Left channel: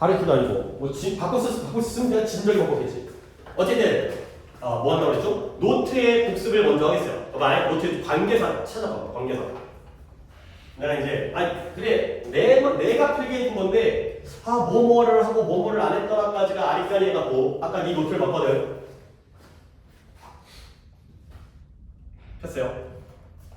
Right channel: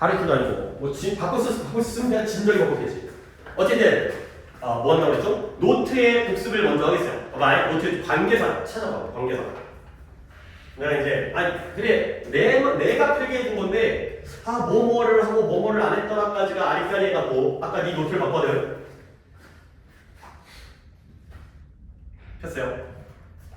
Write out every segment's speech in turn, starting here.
다른 뜻도 아니고 뭐 바꿔 쓰면 그냥 진작에 바꿨겠지. 어쨌든 뭐 한다고 그랬죠? 노트의 복습을 먼저 하겠어요. 봐봐, 노트 관계사 찾아봐. 관계사. 내가 이제 그래 내가 필기해준 건데 뭐뭐를 하고 뭐뭐를 안 했더라까지가 아리까리 해갖고 아까 네 노트를 봤거든. 폈어요.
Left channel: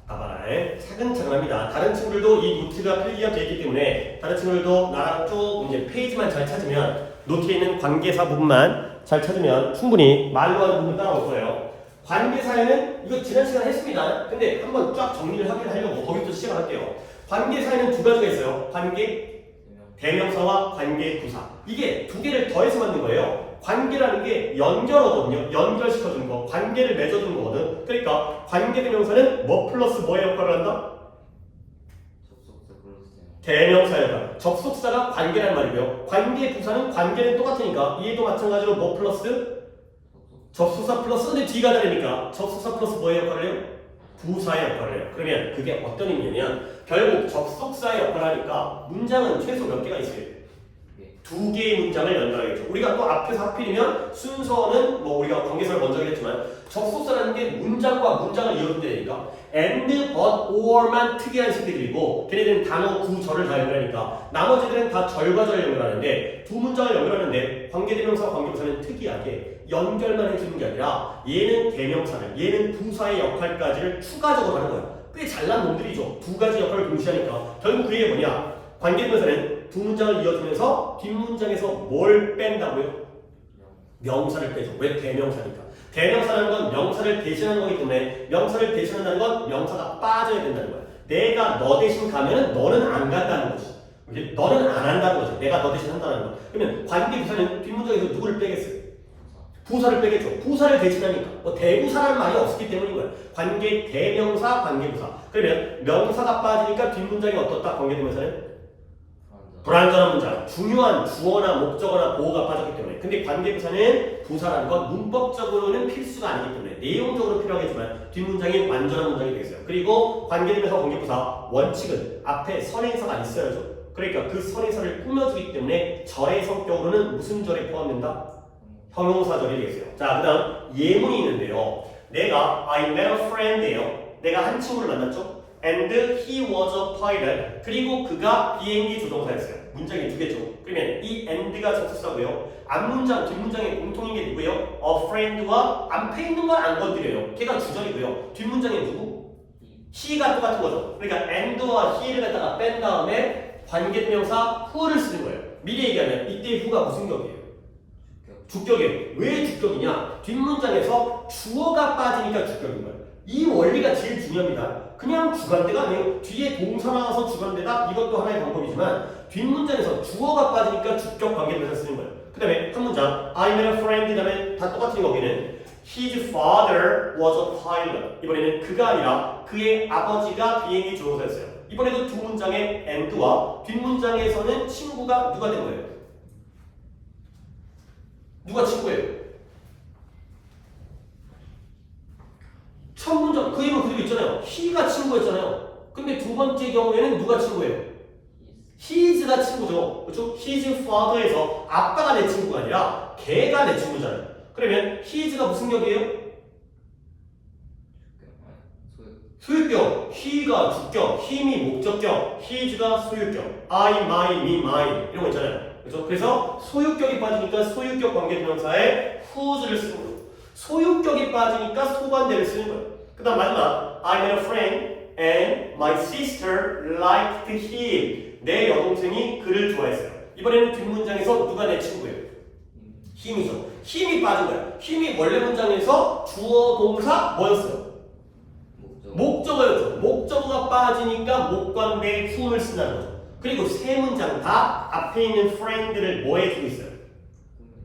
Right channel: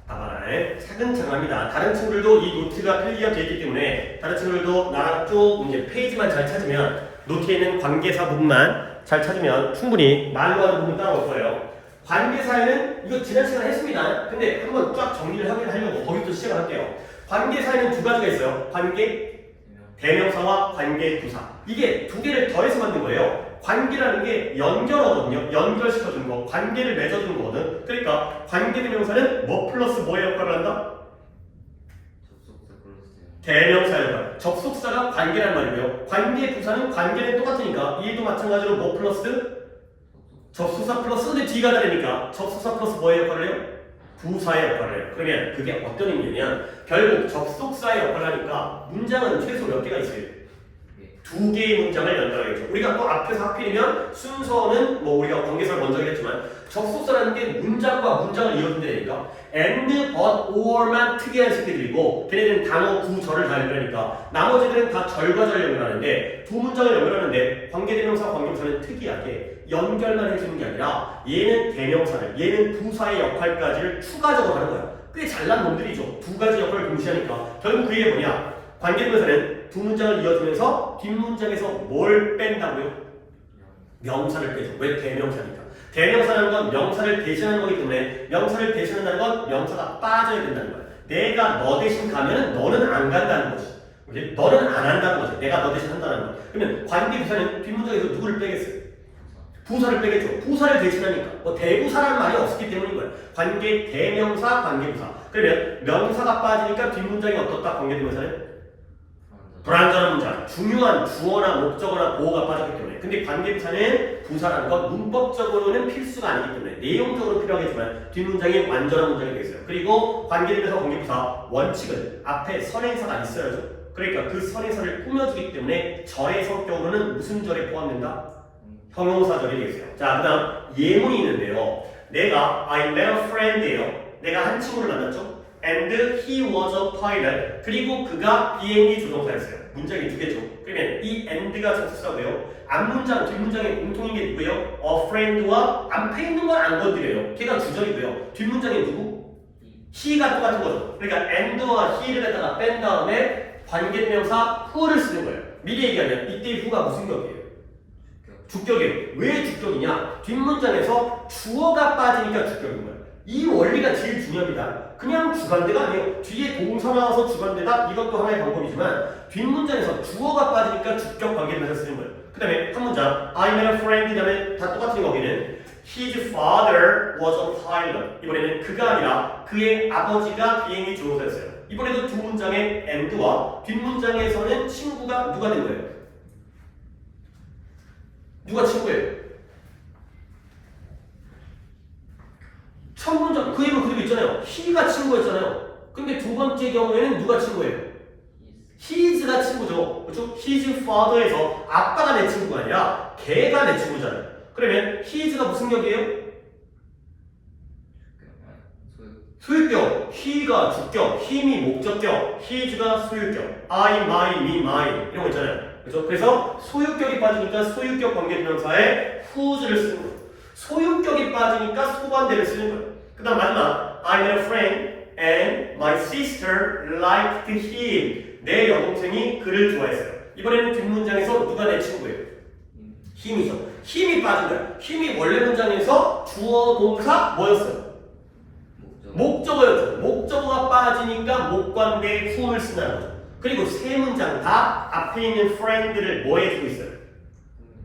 봐봐라. 차근차근합니다. 다른 친구들도 이 노트가 필기가 되어 있기 때문에 다른 친구들도 나랑 쭉 이제 페이지만 잘 찾으면 노트에 있는 관계사 부분만 잘 찾으면 충분히 말로 하는 부분 따라올 거예요. 관계사에는 이거 지난 시간에 했습니다. 근데 한번 쫙 정리를 하려고 거기부터 시작을 할게요. 관계사에는 두 가지가 있어요. 관계 대명사와 관계 부사. 이게 두 개를 더해서 만든 거예요. 관계라는 게 연결어거든요. 연결시켜주는 거, 관계를 맺어주는 거거든. 그러니까 관계 대명사는 뭐 플러스 뭐의 역할을 한다? 대명사 역할. 접속사가 관계란 말이고요. 관계 부사는 관계는 똑같으니까 얘도 마찬가지로 뭐 플러스 접속사 플러스 근데 뒤가 다르니까 접속사 플러스 뭐의 역할을 해요? 부사의 역할을 해요. 그러면 그게 어떤 의미냐면 결국 접속사의 역할을 하니까 문장은 최소 몇 개가 있어요? 두 개의 문장을 연결하겠죠. 우리가 또 앞에서 하필이면 순서는 뭐 우리가 관계사를 먼저 하겠지만 접속사라는 게 문장과 문장을 이어준다니까 and, but, or만 특이한 새끼들이고 걔네들은 단어, 구, 절을 다 연결하니까 나머지들은 다 절과 절을 연결하는데 두 문장을 연결하는데 관계대명사, 관계부사는 특이하게 연결만 해주는 게 아니라 얘는 대명사를, 얘는 부사의 역할까지를 추가적으로 하는 거야. 꽤 잘난 놈들이죠. 두 가지 역할을 동시하니까 결국 그게 뭐냐? 관계대명사는 두 문장을 이어주면서 뒷문장에서 뭘 뺀다고요? 명사를 빼죠. 왜? 대명사니까. 대명사라는 건 명사를 대신하는 거기 때문에 명사를 대신한다는 건 명사가 빠져야 된다는 거야. 내가 너 대신 가면은 너는 안 간다는 거지. 너는 안 한다는 거지. 내가 너 대신 한다는 거. 그러면 관계부사는 뒷문장에서 누구를 빼겠어요? 부사를 빼겠죠. 부사를 대신하니까. 뭐 대부사라는 말이 없었기 때문인 거예요. 관계 대명사, 관계부사. 그러면 명사가 빠지니까 뒷문장이 어떻다? 관계대명사는? 불완전한 문장, 중요한 주어나 목적어나 보어가 빠졌기 때문에. 근데 관계부사는 부사라는 건 문법적으로는 필수가 아니기 때문에 내용적으로 필요하겠지만 뒷문장이 완전한 문장이 되겠어요. 그리고 관계대명사, 관계부사 원칙은 앞에 선행사가 있어야죠. 그러니까 그 선행사를 꾸며주기 때문에 절의 성격으로는 무슨 절에 포함된다? 형용사절이 되겠어요. 자, 그 다음 예문이 있는데요. 내가 I met a friend예요. 내가 한 친구를 만났죠. And he was a pilot. 그리고 그가 비행기 조종사였어요. 문장이 두 개죠. 그러면 이 and가 접속사고요. 앞문장, 뒷문장의 공통인 게 누구예요? A friend와 앞에 있는 건 안 건드려요. 걔가 주절이고요. 뒷문장에 누구? he가 똑같은 거죠. 그러니까 and와 he를 갖다가 뺀 다음에 관계대명사 who를 쓰는 거예요. 미리 얘기하면 이때 who가 무슨 격이에요? 주격이에요. 왜 주격이냐? 뒷문장에서 주어가 빠지니까 주격인 거예요. 이 원리가 제일 중요합니다. 그냥 주관대가 아니에요. 뒤에 동사 나와서 주관대다? 이것도 하나의 방법이지만 뒷문장에서 주어가 빠지니까 주격 관계대명사 쓰는 거예요. 그 다음에 한 문장 I met a friend 다음에 다 똑같은 거기는 His father was a pilot. 이번에는 그가 아니라 그의 아버지가 비행기 조종사였어요. 이번에도 두 문장의 and와 뒷문장에서는 친구가 누가 된 거예요? 누가 친구예요? 첫 문장 그 이름 그대로 있잖아요. he가 친구였잖아요. 근데 두 번째 경우에는 누가 친구예요? his가 친구죠. 그렇죠? his father에서 아빠가 내 친구가 아니라 걔가 내 친구잖아요. 그러면 his가 무슨 격이에요? 소유격. he가 주격, him이 목적격, his가 소유격, I, my, me, mine 이런 거 있잖아요. 그렇죠? 그래서 소유격이 빠지니까 소유격 관계대명사에 whose를 쓰는 거예요. 소유격이 빠지니까 소관대를 쓰는 거예요. 그 다음 마지막 I met a friend and my sister liked him. 내 여동생이 그를 좋아했어요. 이번에는 뒷문장에서 누가 내 친구예요? 힘이죠. 힘이 빠진 거예요. 힘이 원래 문장에서 주어 동사 뭐였어요? 목적어였죠. 목적어가 빠지니까 목관대에 who를 쓴다는 거죠. 그리고 세 문장 다 앞에 있는 friend를 뭐 해주고 있어요?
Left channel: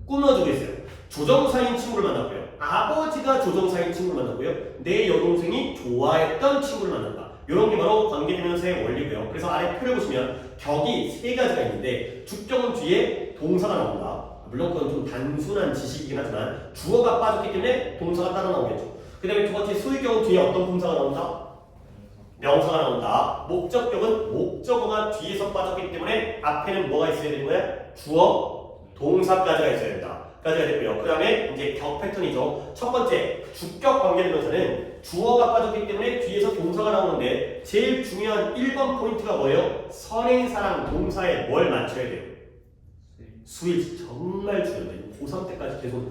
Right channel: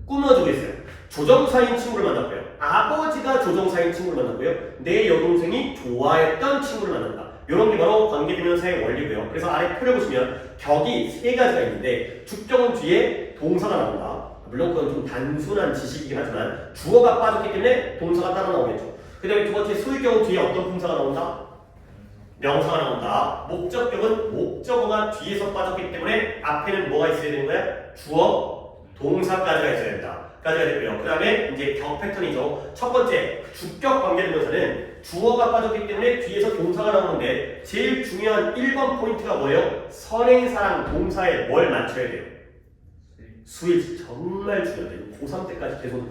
꾸며주고 있어요. 조정사인 친구를 만났고요. 아버지가 조정사인 친구를 만났고요. 내 여동생이 좋아했던 친구를 만났다. 이런 게 바로 관계대명사의 원리고요. 그래서 아래 표를 보시면 격이 세 가지가 있는데 주격은 뒤에 동사가 나온다. 물론 그건 좀 단순한 지식이긴 하지만 주어가 빠졌기 때문에 동사가 따라 나오겠죠. 그 다음에 두 번째 소유격은 뒤에 어떤 품사가 나온다? 명사가 나온다. 목적격은 목적어가 뒤에서 빠졌기 때문에 앞에는 뭐가 있어야 되는 거야? 주어, 동사까지가 있어야 된다. 까지가 됐고요. 그 다음에 이제 격 패턴이죠. 첫 번째, 주격 관계대명사는 주어가 빠졌기 때문에 뒤에서 동사가 나오는데 제일 중요한 1번 포인트가 뭐예요? 선행사랑 동사에 뭘 맞춰야 돼요? 수일 정말 중요해요. 고3 때까지 계속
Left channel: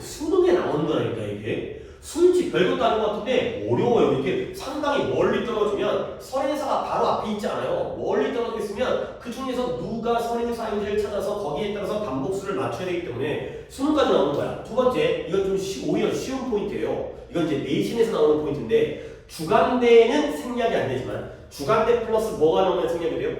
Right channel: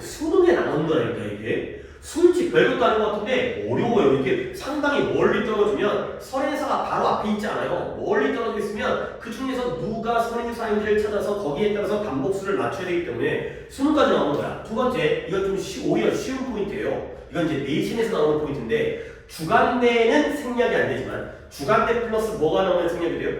수능에 나오는 거라니까 이게. 수일치 별것도 아닌 것 같은데 어려워요. 이게 상당히 멀리 떨어지면 선행사가 바로 앞에 있지 않아요. 멀리 떨어져 있으면 그 중에서 누가 선행사인지를 찾아서 거기에 따라서 반복수를 맞춰야 되기 때문에 수능까지 나오는 거야. 두 번째, 이건 좀 오히려 쉬운 포인트예요. 이건 이제 내신에서 나오는 포인트인데 주간대에는 생략이 안 되지만 주간대 플러스 뭐가 나오면 생략이 돼요?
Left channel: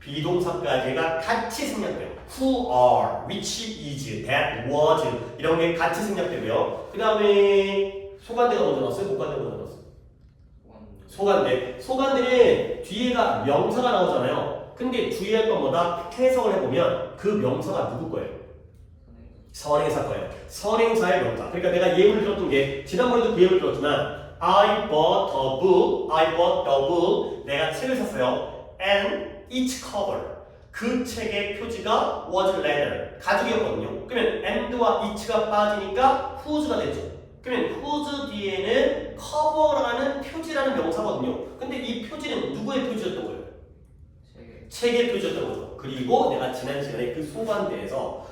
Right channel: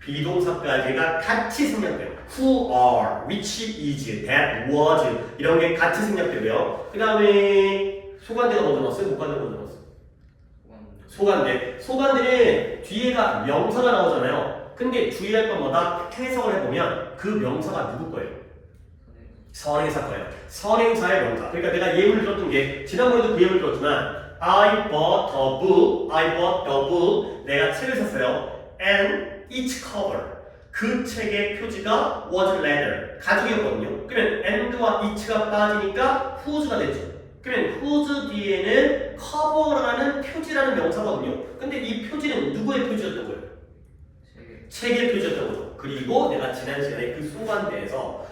비동사까지가 같이 생략돼요. Who are, which is, that was 이런 게 같이 생략되고요. 그 다음에 소관대가 먼저 나왔어요? 목관대가 먼저 나왔어요? 소관대. 소관대는 뒤에가 명사가 나오잖아요. 근데 주의할 건 뭐다? 해석을 해보면 그 명사가 누구 거예요? 선행사 거예요. 선행사의 명사. 그러니까 내가 예문을 들었던 게 지난번에도 그 예문을 들었지만 I bought a book, I bought a book. 내가 책을 샀어요. And each cover. 그 책의 표지가 was leather. 가죽이었거든요. 그러면 and와 each가 빠지니까 whose가 됐죠. 그러면 whose 뒤에는 cover라는 표지라는 명사거든요. 근데 이 표지는 누구의 표지였던 거예요? 책의 표지였던 거죠. 그리고 내가 지난 시간에 그 소관대에서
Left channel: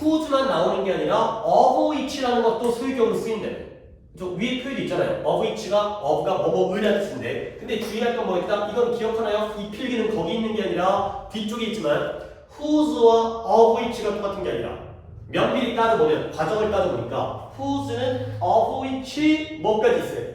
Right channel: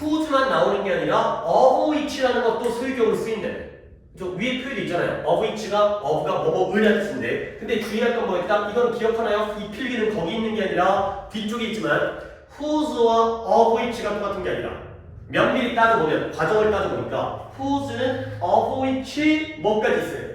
whose만 나오는 게 아니라 of which라는 것도 소유격으로 쓰인다는. 저 위에 표현이 있잖아요. of which가 of가 뭐뭐을이라는 뜻인데 근데 주의할 건 뭐였다? 이건 기억하나요? 이 필기는 거기 있는 게 아니라 뒤쪽에 있지만 whose와 of which가 똑같은 게 아니라 면밀히 따져보면 과정을 따져보니까 whose는 of which 뭐까지 있어요?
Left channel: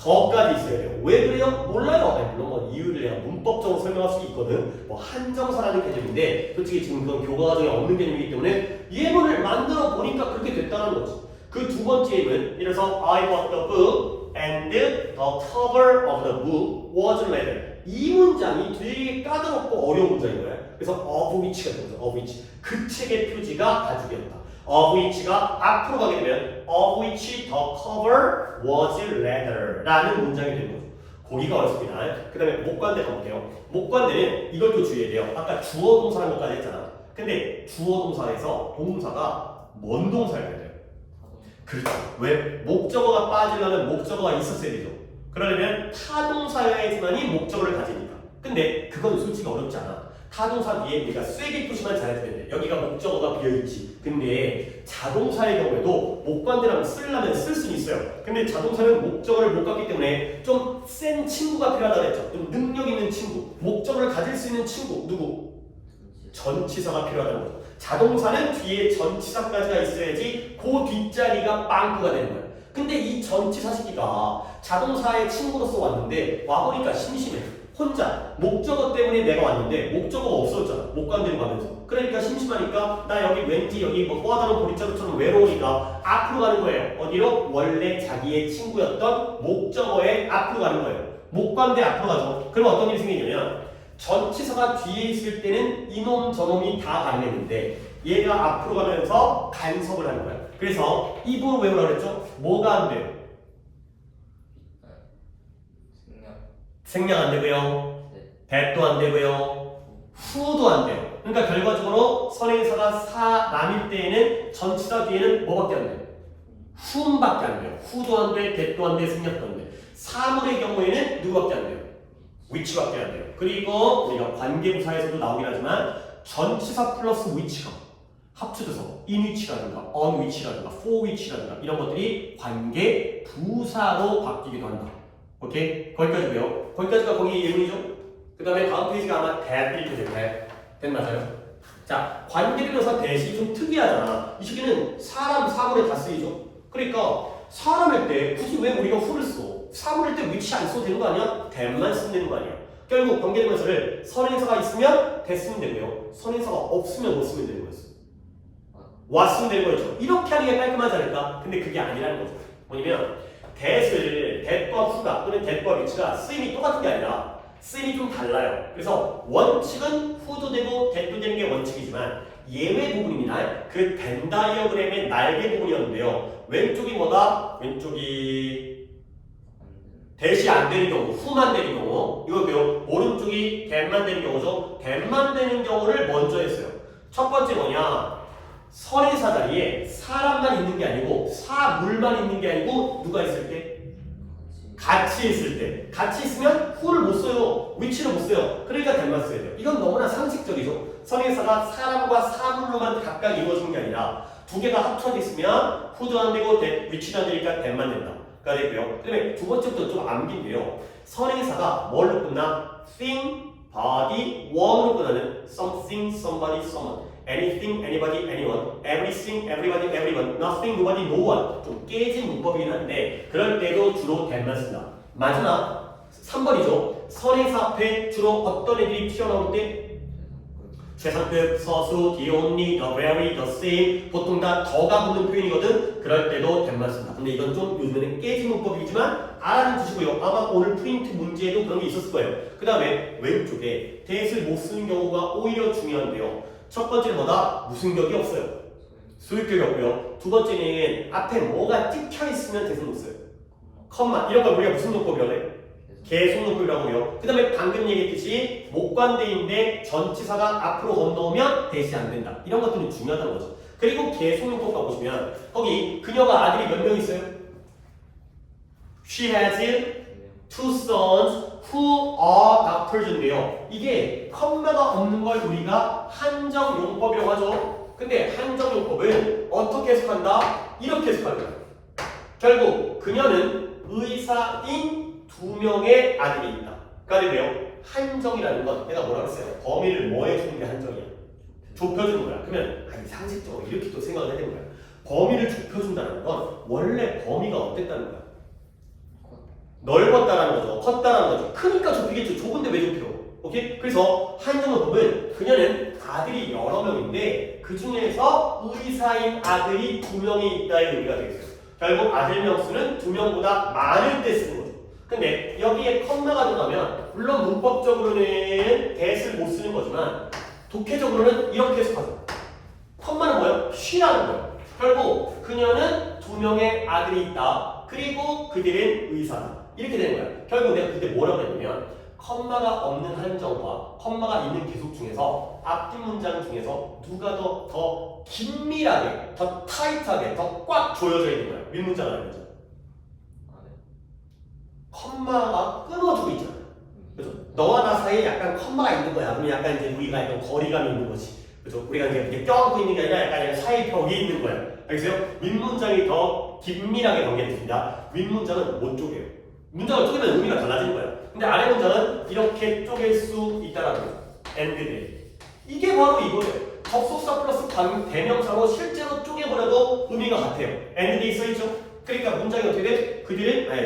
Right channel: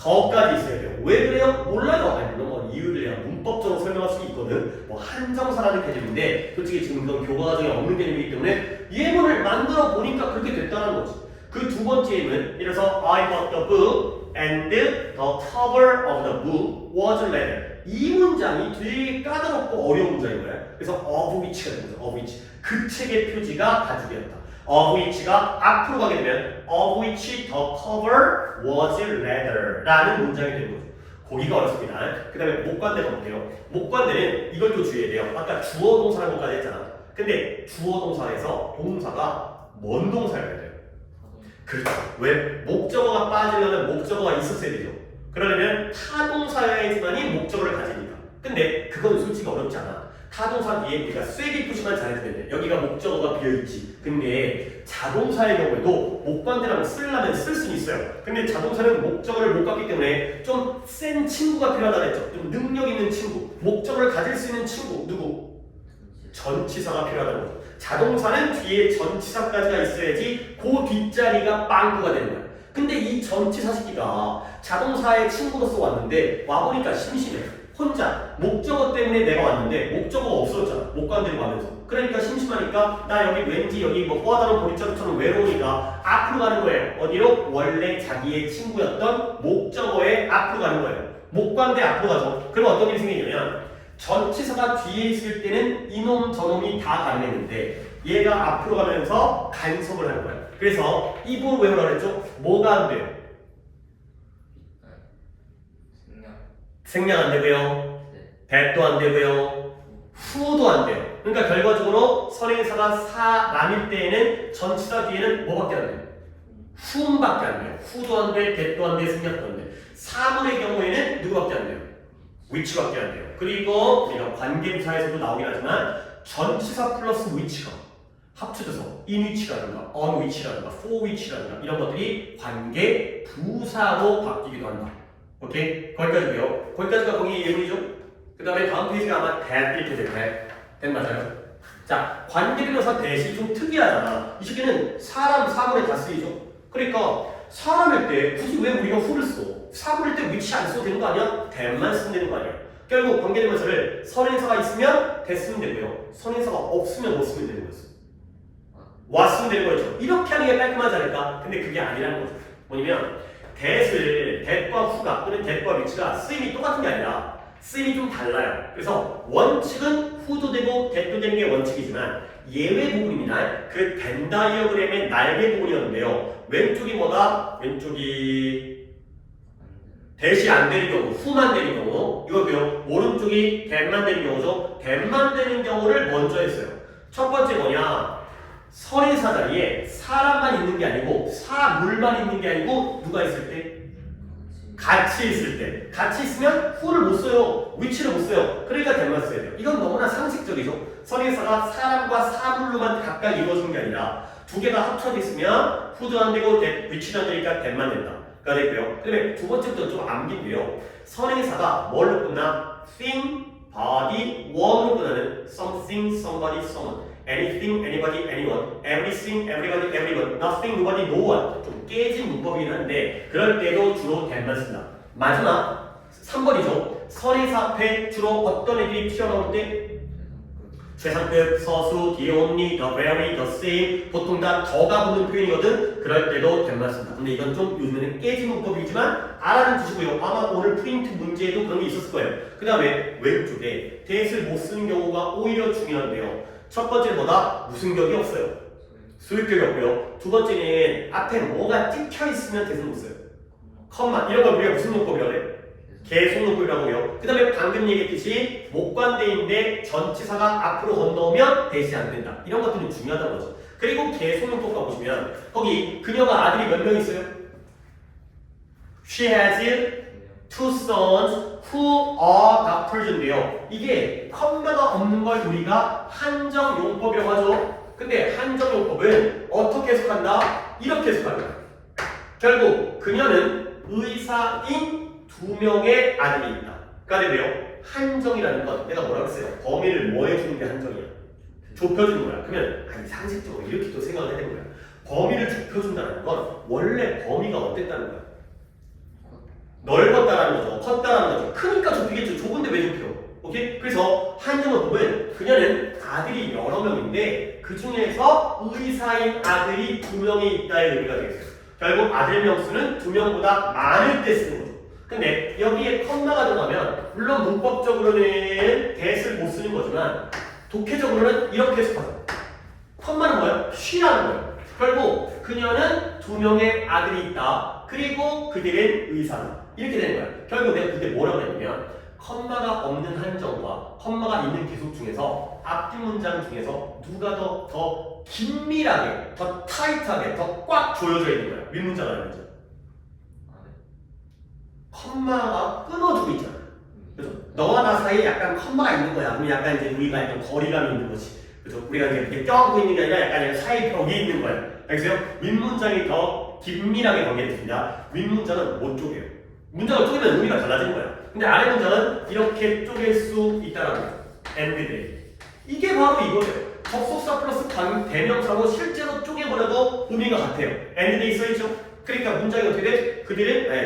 더까지 있어야 돼요. 왜 그래요? 몰라요. 아니, 물론 뭐 이유를 내가 문법적으로 설명할 수 있거든. 뭐 한정사라는 개념인데 솔직히 지금 그건 교과 과정에 없는 개념이기 때문에 예문을 만들어 보니까 그렇게 됐다는 거지. 그 두 번째 예문, 이래서 I bought the book and the cover of the book was leather. 이 문장이 되게 까다롭고 어려운 문장인 거예요. 그래서 of which가 되는 거죠. of which. 그 책의 표지가 가죽이었다. of which가 앞으로 가게 되면 of which the cover was leather 라는 문장이 되는 거죠. 거기가 어렵습니다. 그 다음에 목관대 가볼게요. 목관대는 이걸 또 주의해야 돼요. 아까 주어 동사라는 것까지 했잖아. 근데 주어 동사에서 동사가 뭔 동사여야 돼요? 그렇죠. 왜? 목적어가 빠지려면 목적어가 있었어야 되죠. 그러려면 타동사여야지만이 목적어를 가지니까. 근데 그건 솔직히 어렵지 않아. 타동사 뒤에 우리가 쐐기 표시만 잘해도 되는데 여기가 목적어가 비어있지. 근데 자동사의 경우에도 목관대랑 쓰려면 쓸 수는 있어요. 근데 자동사는 목적어를 못 갖기 때문에 좀 센 친구가 필요하다 했죠. 좀 능력 있는 친구, 목적어를 가질 수 있는 친구, 누구? 전치사가 필요하다는 거죠. 자동사는 뒤에 전치사까지가 있어야지 그 뒷자리가 빵꾸가 되는 거예요. 근데 이 전치사 시기가 자동사의 친구로서 왔는데 와보니까 심심해. 혼자 목적어 때문에 내가 왔는데 목적어가 없어졌잖아. 못 간다고 하면서. 그러니까 심심하니까 나 여기 왠지 여기 뭐 꼬아다는 보리자루처럼 외로우니까 앞으로 가는 거예요. 어디로? 원래 자기의 친구였던 목적어에 앞으로 가는 거예요. 목관대 앞으로 가죠. 그럼 어떤 일이 생기냐면 전치사가 뒤에 있을 때는 이놈 저놈이 다 가능했는데 얘가 앞으로 가면서 간섭을 하는 거예요. 그래서 입으로 외우라 그랬죠? 뭐가 안 돼요? 생략 안 되고요. that도 안 되고요. who도 안 돼요. 그러니까 결과적으로 선행사가 사람일 때에는 전치사 뒤에는 뭐밖에 안 돼요? whom밖에 안 돼요. who도 안 돼, that도 안 돼, 생략도 안 돼. 사물의 경우에는 누구밖에 안 돼요? which밖에 안 돼요. 그리고 우리가 관계부사에서도 나오긴 하지만 전치사 플러스 which가 합쳐져서 in which라든가 on which라든가 for which라든가 이런 것들이 관계부사로 바뀌기도 한다. 오케이? 거기까지고요. 거기까지가 거기 예문이죠. 그 다음에 다음 페이지가 아마 that 이렇게 될 텐데 that 맞아요? 자, 관계대명사 that이 좀 특이하잖아. 이 시기는 사람, 사물에 다 쓰이죠. 그러니까 사람일 때 굳이 왜 우리가 who를 써? 사물일 때 which 안 써도 되는 거 아니야? that만 쓰면 되는 거 아니야? 결국 관계대명사를 선행사가 있으면 that 쓰면 되고요. 선행사가 없으면 뭐 쓰면 되는 거였어? 왔으면 되는 거죠. 이렇게 하는 게 깔끔하지 않을까? 근데 그게 아니라는 거죠. 뭐냐면 that과 who가 또는 that과 which가 쓰임이 똑같은 게 아니라 쓰임이 좀 달라요. 그래서 원칙은 who도 되고 that도 되는 게 원칙이지만 예외 부분입니다. 그 벤 다이어그램의 날개 부분이었는데요. 왼쪽이 뭐다? 왼쪽이 대시 안 되는 경우, 후만 되는 경우 이거고요. 오른쪽이 that만 되는 경우죠. that만 되는 경우를 먼저 했어요. 첫 번째 뭐냐? 선행사 자리에 사람만 있는 게 아니고 사물만 있는 게 아니고 누가 있을 때? 같이 있을 때. 같이 있으면 who를 못 써요. which를 못 써요. 그러니까 that만 써야 돼요. 이건 너무나 상식적이죠. 선행사가 사람과 사물로만 각각 이루어지는 게 아니라 두 개가 합쳐져 있으면 who도 안 되고 which도 안 되니까 that만 된다. 가 되고요. 그다음에 두 번째부터 좀 암기인데요. 선행사가 뭘로 끝나? thing, body, one으로 끝나는 something, somebody, someone, anything, anybody, anyone, everything, everybody, everyone, nothing, nobody, no one. 좀 깨진 문법이긴 한데 그럴 때도 주로 that만 쓴다. 마지막 3번이죠. 선행사 앞에 주로 어떤 애들이 튀어나올 때? 최상급, 서수, the only, the very, the same 보통 다 더가 붙는 표현이거든. 그럴 때도 that만 쓴다. 근데 이건 좀 요즘에는 깨진 문법이지만 알아는 두시고요. 아마 오늘 프린트 문제에도 그런 게 있었을 거예요. 그 다음에 왼쪽에 that을 못 쓰는 경우가 오히려 중요한데요. 첫 번째는 뭐다? 무슨 격이 없어요. 소유격이 없고요. 두 번째는 앞에 뭐가 찍혀 있으면 that을 못 써요. 컴마 이런 걸 우리가 무슨 문법이라고 해? 계속문법이라고 해요. 그 다음에 방금 얘기했듯이 목관대인데 전치사가 앞으로 건너오면 that이 안 된다. 이런 것들은 중요하다는 거죠. 그리고 계속문법 가보시면 거기 그녀가 아들이 몇 명 있어요? She has two sons who are doctors인데요. 이게 컴마가 없는 걸 우리가 한정용법이라고 하죠. 근데 한정용법은 어떻게 해석한다? 이렇게 해석한다. 결국 그녀는 의사인 두 명의 아들이 있다. 가 되고요. 한정이라는 건 내가 뭐라고 했어요? 범위를 뭐 해주는 게 한정이야? 좁혀주는 거야. 그러면 아니 상식적으로 이렇게 또 생각을 해야 되는 거야. 범위를 좁혀준다는 건 원래 범위가 어땠다는 거야? 넓었다라는 거죠. 컸다라는 거죠. 크니까 좁히겠죠. 좁은데 왜 좁혀? 오케이? 그래서 한정어법은 그녀는 아들이 여러 명인데 그 중에서 의사인 아들이 두 명이 있다의 의미가 되겠어요. 결국 아들 명수는 두 명보다 많을 때 쓰는 거죠. 근데 여기에 컴마가 들어가면 물론 문법적으로는 that을 못 쓰는 거지만 독해적으로는 이렇게 해석하죠. 컴마는 뭐예요? she라는 거예요. 결국 그녀는 두 명의 아들이 있다. 그리고 그들은 의사다. 이렇게 되는 거예요. 결국 내가 그때 뭐라고 했냐면 컴마가 없는 한정과 컴마가 있는 계속 중에서 앞뒤 문장 중에서 누가 더 긴밀하게, 더 타이트하게, 더 꽉 조여져 있는 거예요. 윗문장 아니죠. 컴마가 끊어주고 있잖아요. 그죠? 너와 나 사이에 약간 컴마가 있는 거야. 그럼 약간 이제 우리가 약간 거리감이 있는 거지. 그죠? 우리가 이제 껴안고 있는 게 아니라 약간 사이 벽이 있는 거야. 알겠어요? 윗문장이 더 긴밀하게 관계됐습니다. 윗문장은 못 쪼개요. 문장을 쪼개면 의미가 달라지는 거야. 근데 아래 문장은 이렇게 쪼갤 수 있다는 거예요. and they. 이게 바로 이거예요. 접속사 플러스 대명사로 실제로 쪼개버려도 의미가 같아요. and they 써있죠? 그러니까 문장이 어떻게 돼?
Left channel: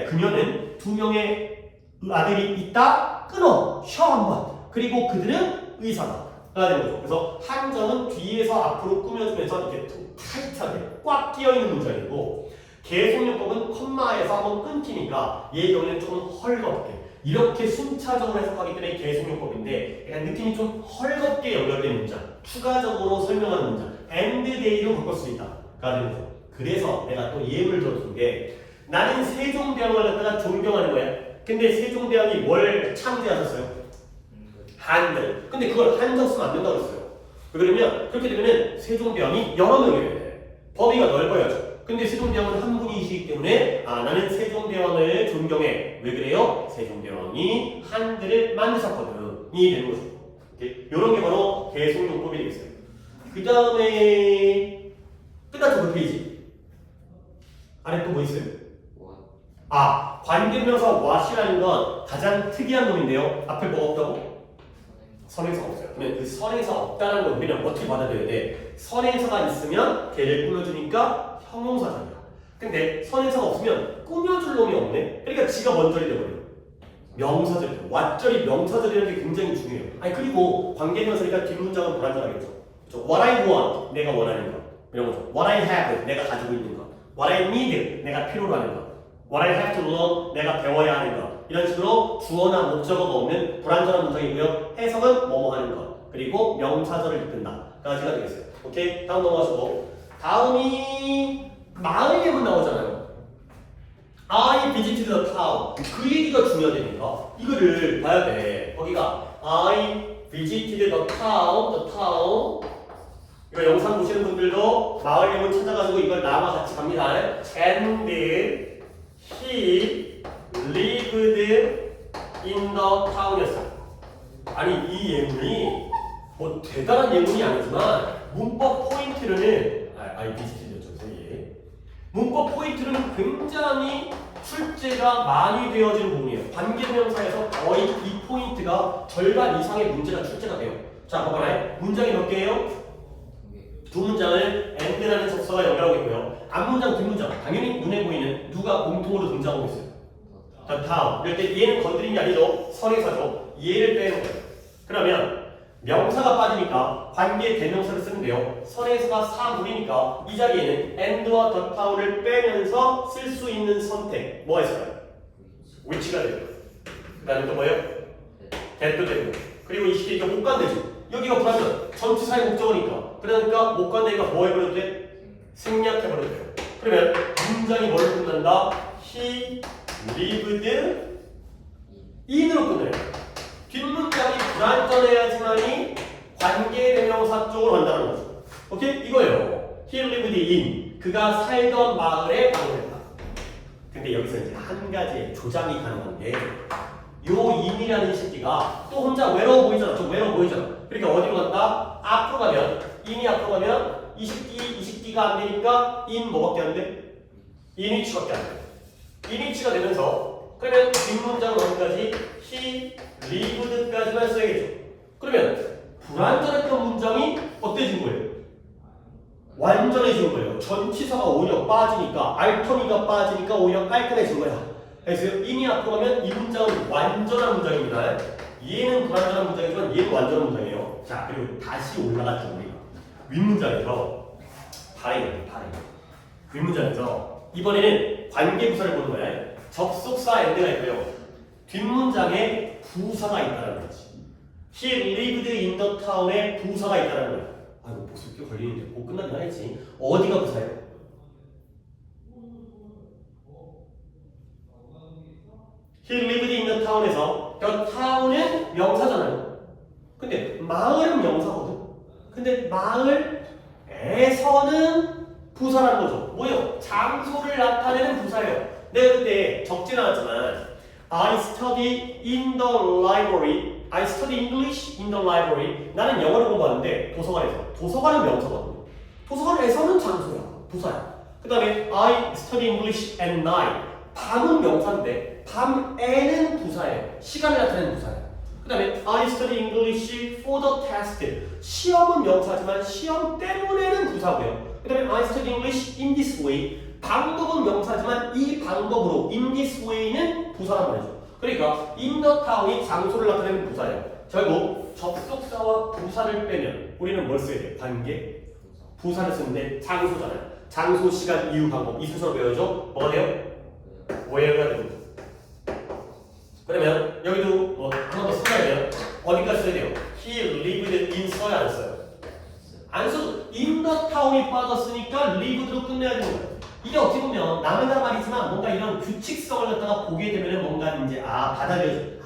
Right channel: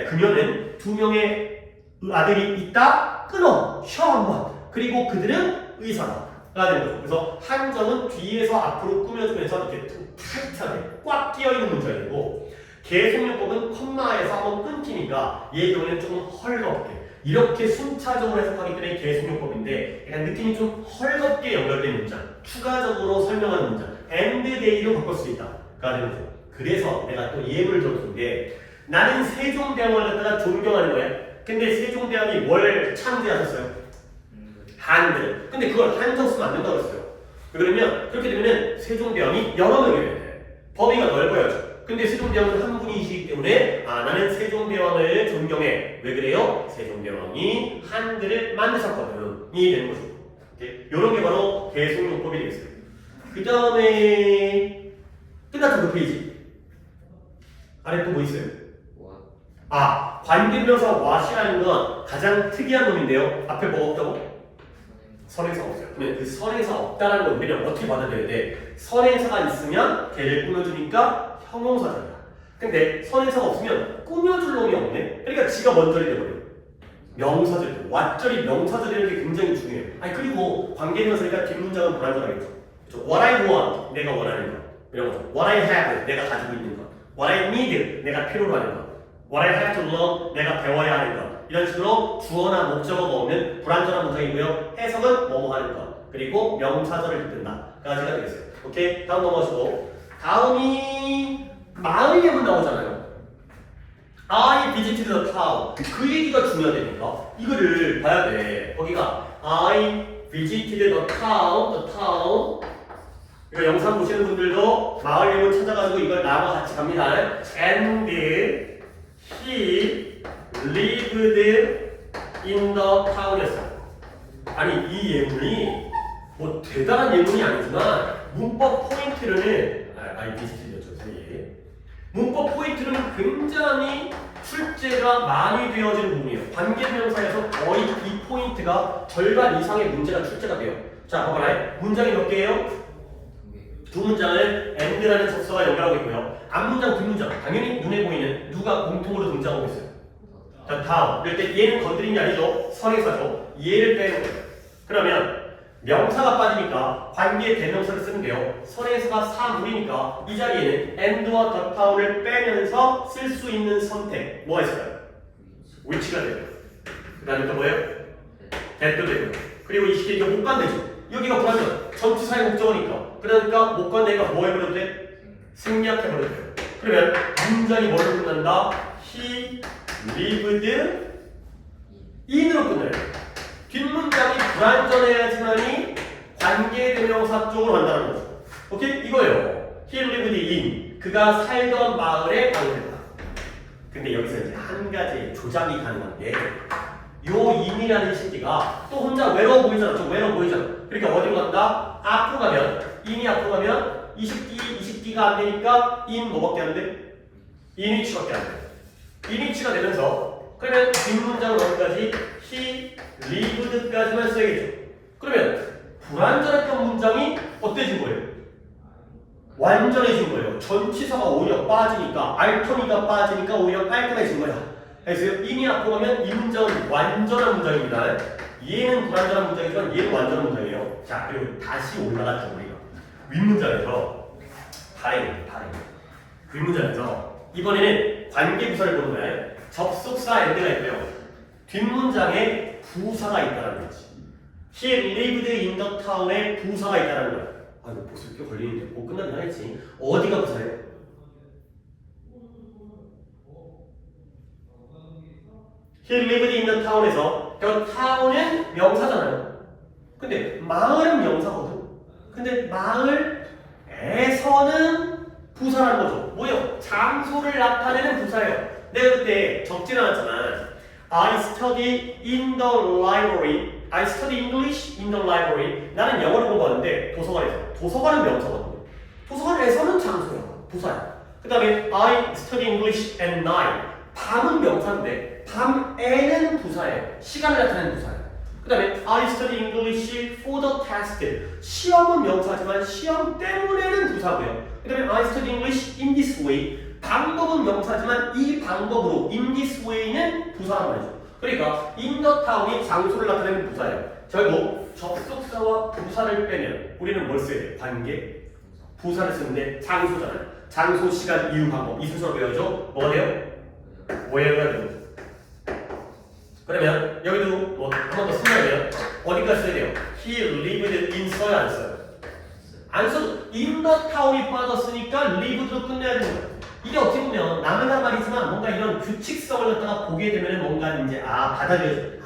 그녀는 두 명의 아들이 있다. 끊어. 쉬어 한번. 그리고 그들은 의사다. 가 되는 거죠. 그래서 한정은 뒤에서 앞으로 꾸며주면서 이렇게 타이트하게 꽉 끼어있는 문장이고 계속용법은 컴마에서 한번 끊기니까 얘의 경우에는 조금 헐겁게 이렇게 순차적으로 해석하기 때문에 계속용법인데 약간 느낌이 좀 헐겁게 연결된 문장 추가적으로 설명하는 문장 and they로 바꿀 수 있다. 가 되는 거죠. 그래서 내가 또 예를 들어준 게 나는 세종대왕을 갖다가 존경하는 거야. 근데 세종대왕이 뭘 창제하셨어요? 한글. 근데 그걸 한정 쓰면 안 된다고 했어요. 그러면 그렇게 되면은 세종대왕이 여러 명이에요. 범위가 넓어야죠. 근데 세종대왕은 한 분이시기 때문에 나는 세종대왕을 존경해. 왜 그래요? 세종대왕이 한글을 만드셨거든. 이 되는 거죠. 이런 게 바로 계속용법이 되겠어요. 그 다음에 끝났죠 그 페이지. 아래 또 뭐 있어요? 관계명사 what이라는 건 가장 특이한 놈인데요. 앞에 뭐가 없다고? 선행사가 없어요. 근데 그 선행사가 없다는 걸 우리는 어떻게 받아들여야 돼? 선행사가 있으면 걔를 꾸며주니까 형용사잖아. 근데 선행사가 없으면 꾸며줄 놈이 없네? 그러니까 지가 먼저리 돼버려요. 명사절, 왓절이 명사절이라는 게 굉장히 중요해요. 그리고 관계명사니까 뒷문장은 불안정하겠죠. What I want, 내가 원하는 것. 이런 거죠. What I have, 내가 가지고 있는 것. What I need, 내가 필요로 하는 것. What I have to learn, 내가 배워야 하는 것. 이런 식으로 주어나 목적어가 없는 불완전한 문장이고요. 해석은 뭐뭐 하는 것. 그리고 명사절을 잇는다. 까지가 되겠어요. 오케이? 다음 넘어가시고. 다음이 마의 예문 나오잖아요. I visited the town. 그 얘기가 중요하다니까. 이거를 봐야 돼. 거기가 I visited the town. 이거 영상 보시는 분들도 마을 이름을 찾아가지고 이걸 나와 같이 갑니다. And he lived in the town이었어요. 아니 이 예문이 뭐 대단한 예문이 아니지만 문법 포인트로는 I visited였죠 사이에. 문법 포인트로는 굉장히 출제가 많이 되어진 부분이에요. 관계대명사에서 거의 이 포인트가 절반 이상의 문제가 출제가 돼요. 자, 봐봐요. 문장이 몇 개예요? 두 문장을 and라는 접수가 연결하고 있고요. 앞문장, 뒷문장 당연히 눈에 보이는 누가 공통으로 등장하고 있어요. 자, 다음. 이럴 때 얘는 건드린 게 아니죠. 선행사죠. 얘를 빼는 거예요. 그러면 명사가 빠지니까 관계 대명사를 쓰는데요. 선행사가 사물이니까 이 자리에는 and와 the town을 빼면서 쓸 수 있는 선택 뭐가 있을까요? which가 되죠. 그 다음에 또 뭐예요? that도 되고. 그리고 이 시기에 못 간대죠. 여기가 불하면 전치사의 목적어니까. 그러니까 못 간대가 뭐 해버려도 돼? 생략해버려도 돼요. 그러면 문장이 뭘로 끝난다? He lived in으로 끝나요. 뒷문장이 불완전해야지만이 관계대명사 쪽으로 간다는 거죠. 오케이? 이거예요. He lived in. 그가 살던 마을에 방문했다. 근데 여기서 이제 한 가지 조작이 가능한 게 요 in이라는 시기가 또 혼자 외로워 보이잖아. 좀 외로워 보이잖아. 그러니까 어디로 간다? 앞으로 가면 in이 앞으로 가면 이 시기가 안 되니까 in 뭐밖에 안 돼? in위치밖에 안 돼. in위치가 되면서 그러면 뒷문장은 어디까지? He lived까지만 써야겠죠. 그러면 불완전했던 문장이 어때진 거예요? 완전해진 거예요. 전치사가 오히려 빠지니까 알터니가 빠지니까 오히려 깔끔해진 거야. 그래서 in이 앞으로 가면 이 문장은 완전한 문장입니다. 얘는 불완전한 문장이지만 얘는 완전한 문장이에요. 자, 그리고 다시 올라갔죠 우리가. 윗문장에서 발행. 윗문장에서 이번에는 관계부사를 보는 거예요. 접속사 and가 있고요. 뒷문장에 부사가 있다는 거지. He lived in the town에 부사가 있다는 거야. 아 이거 복습 꽤 걸리는데 못 끝나긴 하겠지. 어디가 부사예요? He lived in the town에서 the town은 명사잖아요. 근데 마을은 명사거든. 근데 마을에서는 부사라는 거죠. 뭐예요? 장소를 나타내는 부사예요. 내가 그때 적진 않았잖아. I study in the library. I study English in the library. 나는 영어를 공부하는데 도서관에서. 도서관은 명사거든요. 도서관에서는 장소야. 부사야. 그 다음에 I study English at night. 밤은 명사인데 밤에는 부사예요. 시간을 나타내는 부사예요. 그 다음에 I study English for the test. 시험은 명사지만 시험 때문에는 부사고요. 그 다음에 I study English in this way. 방법은 명사지만 이 방법으로 in this way는 부사란 말이죠. 그러니까 in the town이 장소를 나타내는 부사예요. 결국 접속사와 부사를 빼면 우리는 뭘 써야 돼요? 관계 부사를 쓰는데 장소잖아요. 장소, 시간, 이유, 방법 이 순서로 배워야죠. 뭐가 돼요? where가 됩니다. 그러면 여기도 뭐 한 번 더 쓴다면 어디까지 써야 돼요? He lived in 써야 안 써요? 안 써도 in the town이 빠졌으니까 lived로 끝내야 되는 거예요. 이게 어떻게 보면 남의 말이지만 뭔가 이런 규칙성을 갖다가 보게 되면 뭔가 이제 받아들여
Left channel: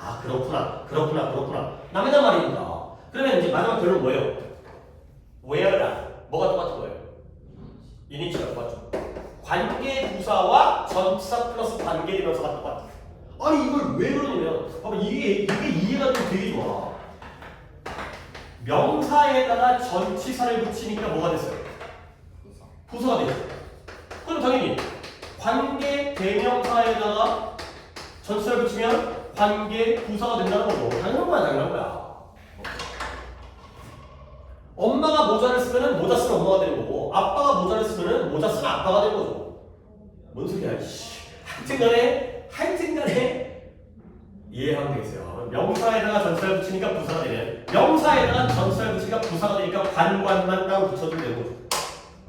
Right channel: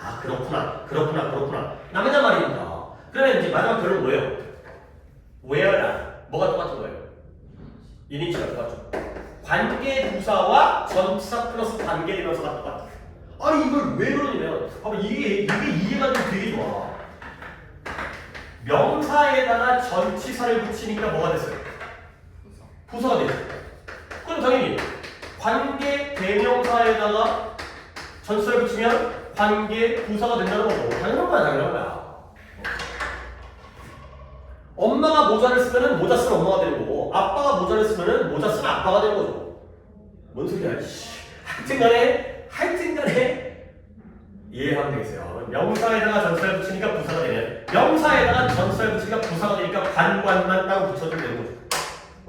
그렇구나 남의 말이니까. 그러면 이제 마지막 결론 뭐예요? where다 뭐가 똑같은 거예요? 인위치가 똑같죠. 관계 부사와 전치사 플러스 관계 대명사가 똑같아요. 아니 이걸 왜 그러냐면 이게 이해가 좀 되게 좋아. 명사에다가 전치사를 붙이니까 뭐가 됐어요? 부사가 됐어요. 그럼 당연히 관계 대명사에다가 전치사를 붙이면 관계 부사가 된다는 거고 당연한 거야. 엄마가 모자를 쓰면은 모자 쓰는 엄마가 되는 거고 아빠가 모자를 쓰면은 모자 쓰는 아빠가 되는 거죠. 뭔 소리야? 하여튼간에 이해하면 되겠어요. 명사에다가 전치사를 붙이니까 부사가 되면 명사에다가 전치사를 붙이니까 부사가 되니까 관관만 따로 붙여주면 되는 거죠.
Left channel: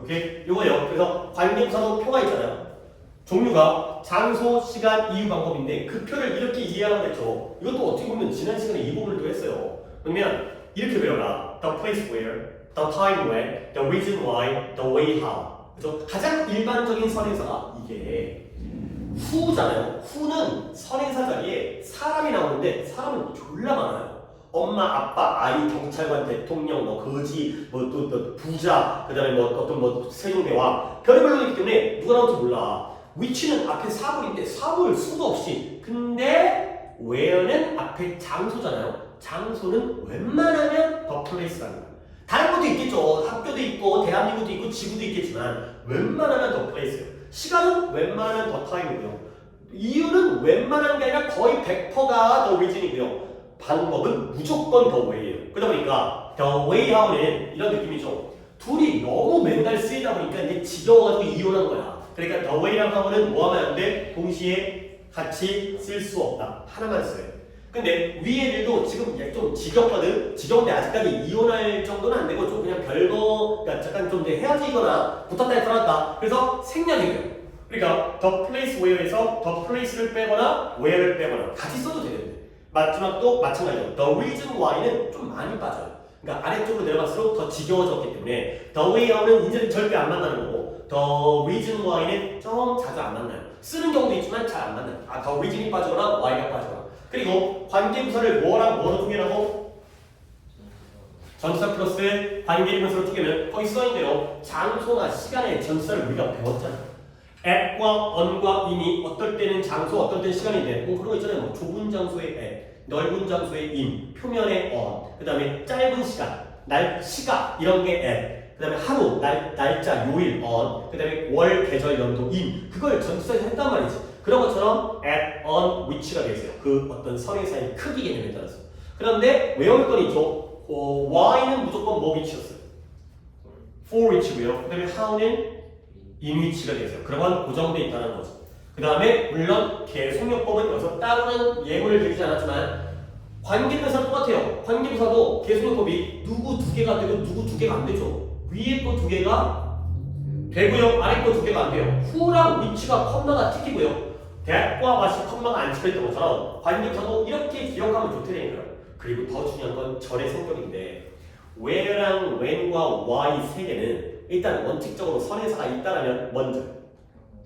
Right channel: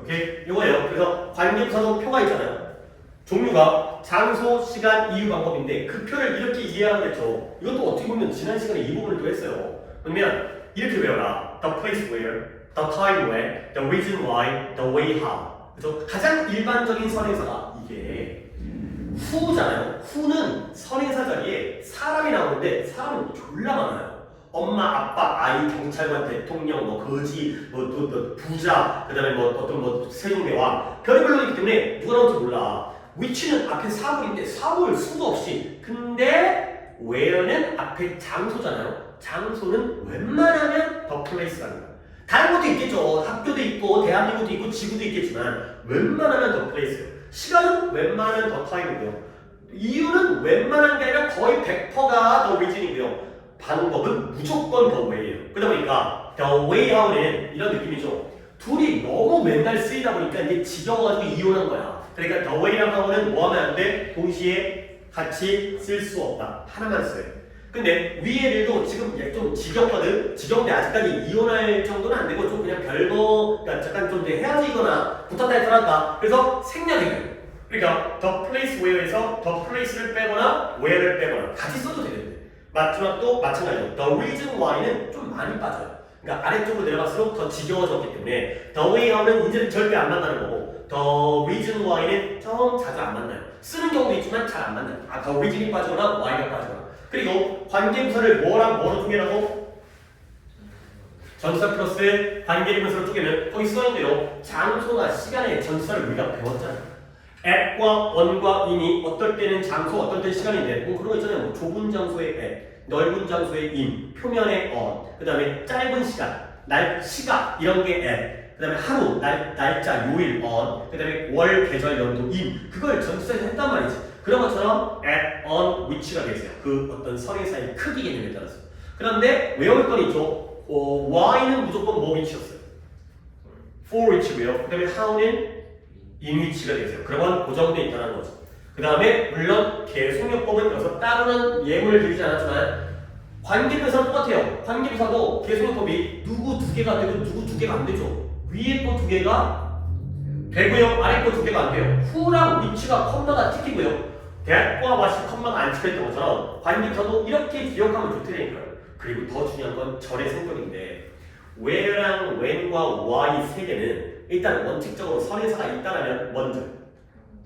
오케이? 이거예요. 그래서 관계부사도 표가 있잖아요. 종류가 장소, 시간, 이유, 방법인데 그 표를 이렇게 이해하겠죠. 이것도 어떻게 보면 지난 시간에 이 부분을 또 했어요. 그러면 이렇게 외워라. The place where, the time when, the reason why, the way how. 그래서 가장 일반적인 선행사가 이게 후잖아요. 후는 선행사 자리에 사람이 나오는데 사람은 졸라 많아요. 엄마, 아빠, 아이, 경찰관, 대통령, 뭐 거지, 또 부자, 그다음에 뭐 어떤 뭐 세종대왕 별의별로 있기 때문에 누가 나올지 몰라. 위치는 앞에 사물인데 사물 수도 없이. 근데 where는 앞에 장소잖아요. 장소는 웬만하면 the place라는 거예요. 다른 것도 있겠죠. 학교도 있고 대한민국도 있고 지구도 있겠지만 웬만하면 the place예요. 시간은 웬만하면 the time이고요. 이유는 웬만한 게 아니라 거의 100%가 the reason이고요. 방법은 무조건 the way예요. 그러다 보니까 the way out은 이런 느낌이죠. 둘이 너무 맨날 쓰이다 보니까 이제 지겨워가지고 이혼한 거야. 그러니까 the way랑 how는 뭐 하면 안 돼? 동시에 같이 쓸 수 없다. 하나만 써요. 근데 위에 애들도 지금 좀 지겹거든. 지겨운데 아직까지 이혼할 정도는 안 되고 좀 그냥 별거, 그러니까 잠깐 좀 이제 헤어지거나 붙었다 했더라. 그래서 생략해요. 그러니까 the place where에서 the place를 빼거나 where를 빼거나 같이 써도 되는데 마지막도 마찬가지로 the reason why는 좀 많이 빠져요. 그러니까 아래쪽으로 내려갈수록 더 지겨워졌기 때문에 the way out는 이제는 절대 안 만나는 거고 the reason why는 좀 자주 안 만나요. 쓰는 경우도 있지만 잘 안 만나요. the reason이 빠지거나 why가 빠지거나. 그리고 관계부사를 뭐랑 뭐로 쪼개라고? 전치사 플러스 관계부사로 쪼개면 거기 써있는데요. 장소나 시간의 전치사를 우리가 배웠잖아요. at과 on과 in이 어떨 때는 장소, 어떨 때는 시간인데 그런 거 있잖아요. 뭐 좁은 장소의 at, 넓은 장소의 in, 표면의 on, 그 다음에 짧은 시간, 시각 이런 게 at, 그 다음에 하루, 날짜, 요일 on, 그 다음에 월, 계절, 연도 in 그걸 전치사에서 했단 말이지. 그런 것처럼 at, on, which가 되어있어요. 그 어떤 선행사의 크기 개념에 따라서. 그런데 외울 건 있죠. why는 무조건 뭐 which였어요. for which고요. 그 다음에 how는 in which가 되어있어요. 그러면 고정되어 있다는 거죠. 그 다음에 물론 계속요법은 여기서 따로는 예문을 들지 않았지만 관계부사도 똑같아요. 관계부사도 계속요법이 누구 두 개가 되고 누구 두 개가 안 되죠. 위에 거 두 개가 되고요. 아래 거 두 개가 안 돼요. who랑 which가 컴마가 찍히고요. that과 what이 컴마가 안 찍혀있던 것처럼 관계부사도 이렇게 기억하면 좋다니까요. 그리고 더 중요한 건 절의 성격인데 where랑 when과 why 세 개는 일단 원칙적으로 선행사가 있다라면 먼저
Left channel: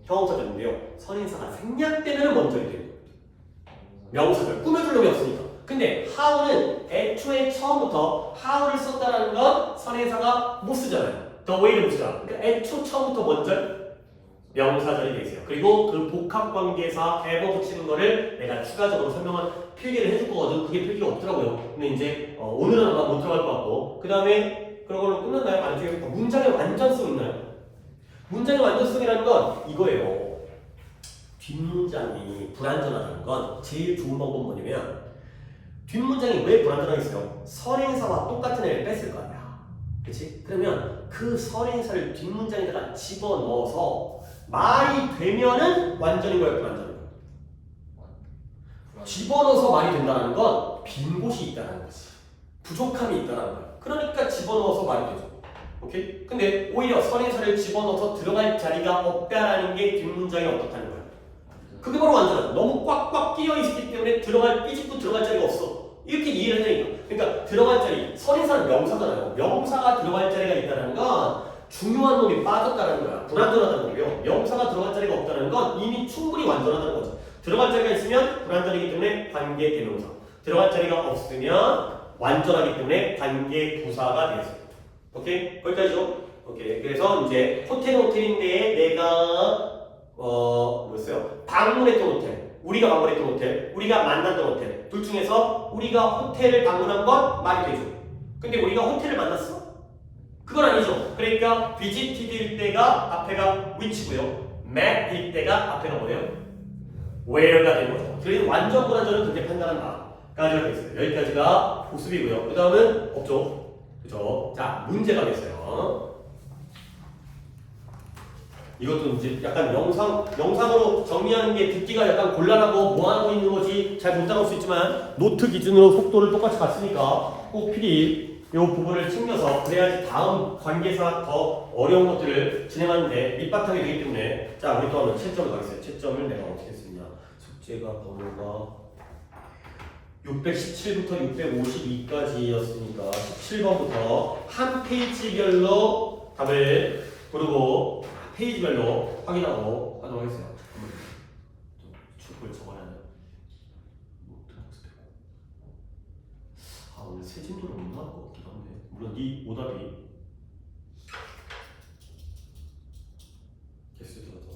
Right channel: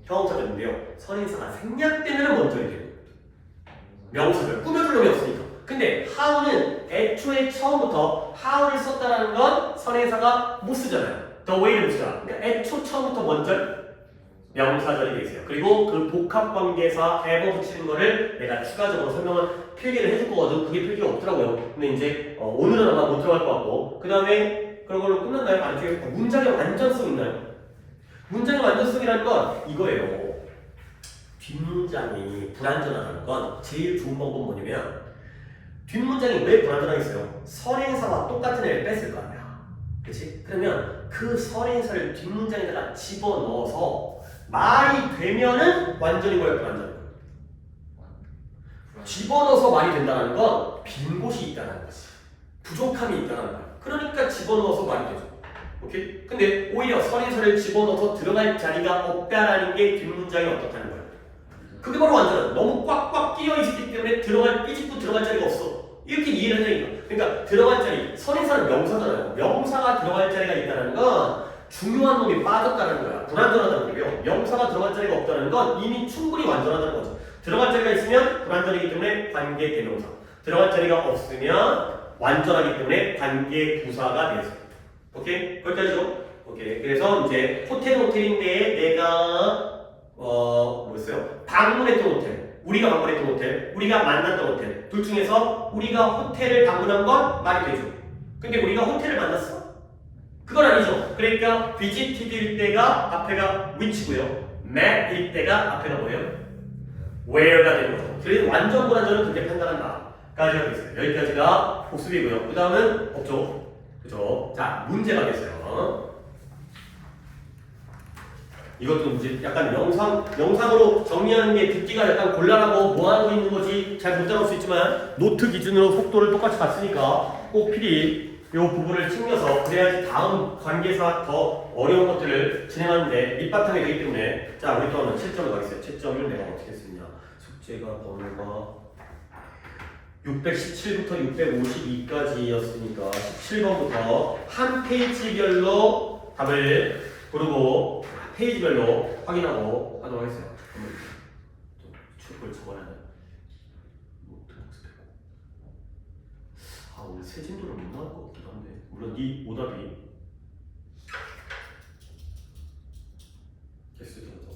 형용사들인데요. 선행사가 생략되면 먼저야 돼요. 명사들 꾸며줄 놈이 없으니까. 근데 how는 애초에 처음부터 how를 썼다라는 건 선행사가 못 쓰잖아요. the way를 못 쓰잖아. 그러니까 애초 처음부터 먼저 명사절이 되어 있어요. 그리고 그 복합관계사 ever 붙이는 거를 내가 추가적으로 설명을 필기를 해줄 거거든. 그게 필기가 없더라고요. 근데 이제 오늘은 아마 못 들어갈 것 같고 그 다음에 그런 걸로 끝났나요? 아니죠? 문장의 완전성 있나요? 문장의 완전성이라는 건 이거예요. 뒷문장이 불완전하다는 건 제일 좋은 방법은 뭐냐면 뒷문장이 왜 불완전하겠어요? 선행사와 똑같은 애를 뺐을 거 아니야. 그치? 그러면 그 선행사를 뒷문장에다가 집어넣어서 말이 되면은 완전인 거예요? 불완전인 거예요? 집어넣어서 말이 된다는 건 빈 곳이 있다는 거지. 부족함이 있다는 거예요. 그러니까 집어넣어서 말이 되죠. 오케이? 근데 오히려 선행사를 집어넣어서 들어갈 자리가 없다라는 게 뒷문장이 어떻다는 거예요. 그게 바로 완전한 너무 꽉꽉 끼어 있기 때문에 삐집고 들어갈 자리가 없어. 이렇게 이해를 해야 돼요. 그러니까 들어갈 자리, 선행사는 명사잖아요. 명사가 들어갈 자리가 있다는 건 중요한 놈이 빠졌다는 거야. 불완전하다는 거고요. 명사가 들어갈 자리가 없다는 건 이미 충분히 완전하다는 거죠. 들어갈 자리가 있으면 불완전이기 때문에 관계 대명사. 들어갈 자리가 없으면 완전하기 때문에 관계 부사가 되었어요. 오케이? 거기까지죠? 오케이. 그래서 이제 호텔인데 내가 뭐였어요? 방문했던 호텔, 우리가 방문했던 호텔, 우리가 만났던 호텔 둘 중에서 우리가 호텔을 방문한 건 말이 되죠. 근데 우리가 호텔을 만났어? 그건 아니죠. 그러니까 visited일 때가 앞에가 which고요. met일 때가 앞에가 뭐예요? where가 되는 거죠. 그래서 완전 불완전은 그렇게 판단한다. 까지 하고 있어요. 여기까지가 복습이고요. 그 다음은 없죠. 그죠? 자, 문제 가겠어요. 이것도 이제 약간 영상으로 정리하는 게 듣기가 약간 곤란하고 뭐 하고 있는 거지 잘 못 따라올 수 있지만 노트 기준으로 속도를 똑같이 봤으니까 꼭 필히 이 부분을 챙겨서 그래야지 다음 관계사 더 어려운 것들을 진행하는데 밑바탕이 되기 때문에 자, 우리 또 하면 채점을 가겠어요. 채점을 내가 어떻게 했습냐. 숙제가 번호가 617부터 652까지였으니까 17번부터 한 페이지별로 답을 고르고 페이지별로 확인하고 하도록 하겠습니다. 그걸 적어야 돼. 아 오늘 세진도를 못 나올 것 같기도 한데 물론 네 오답이 개수 들어서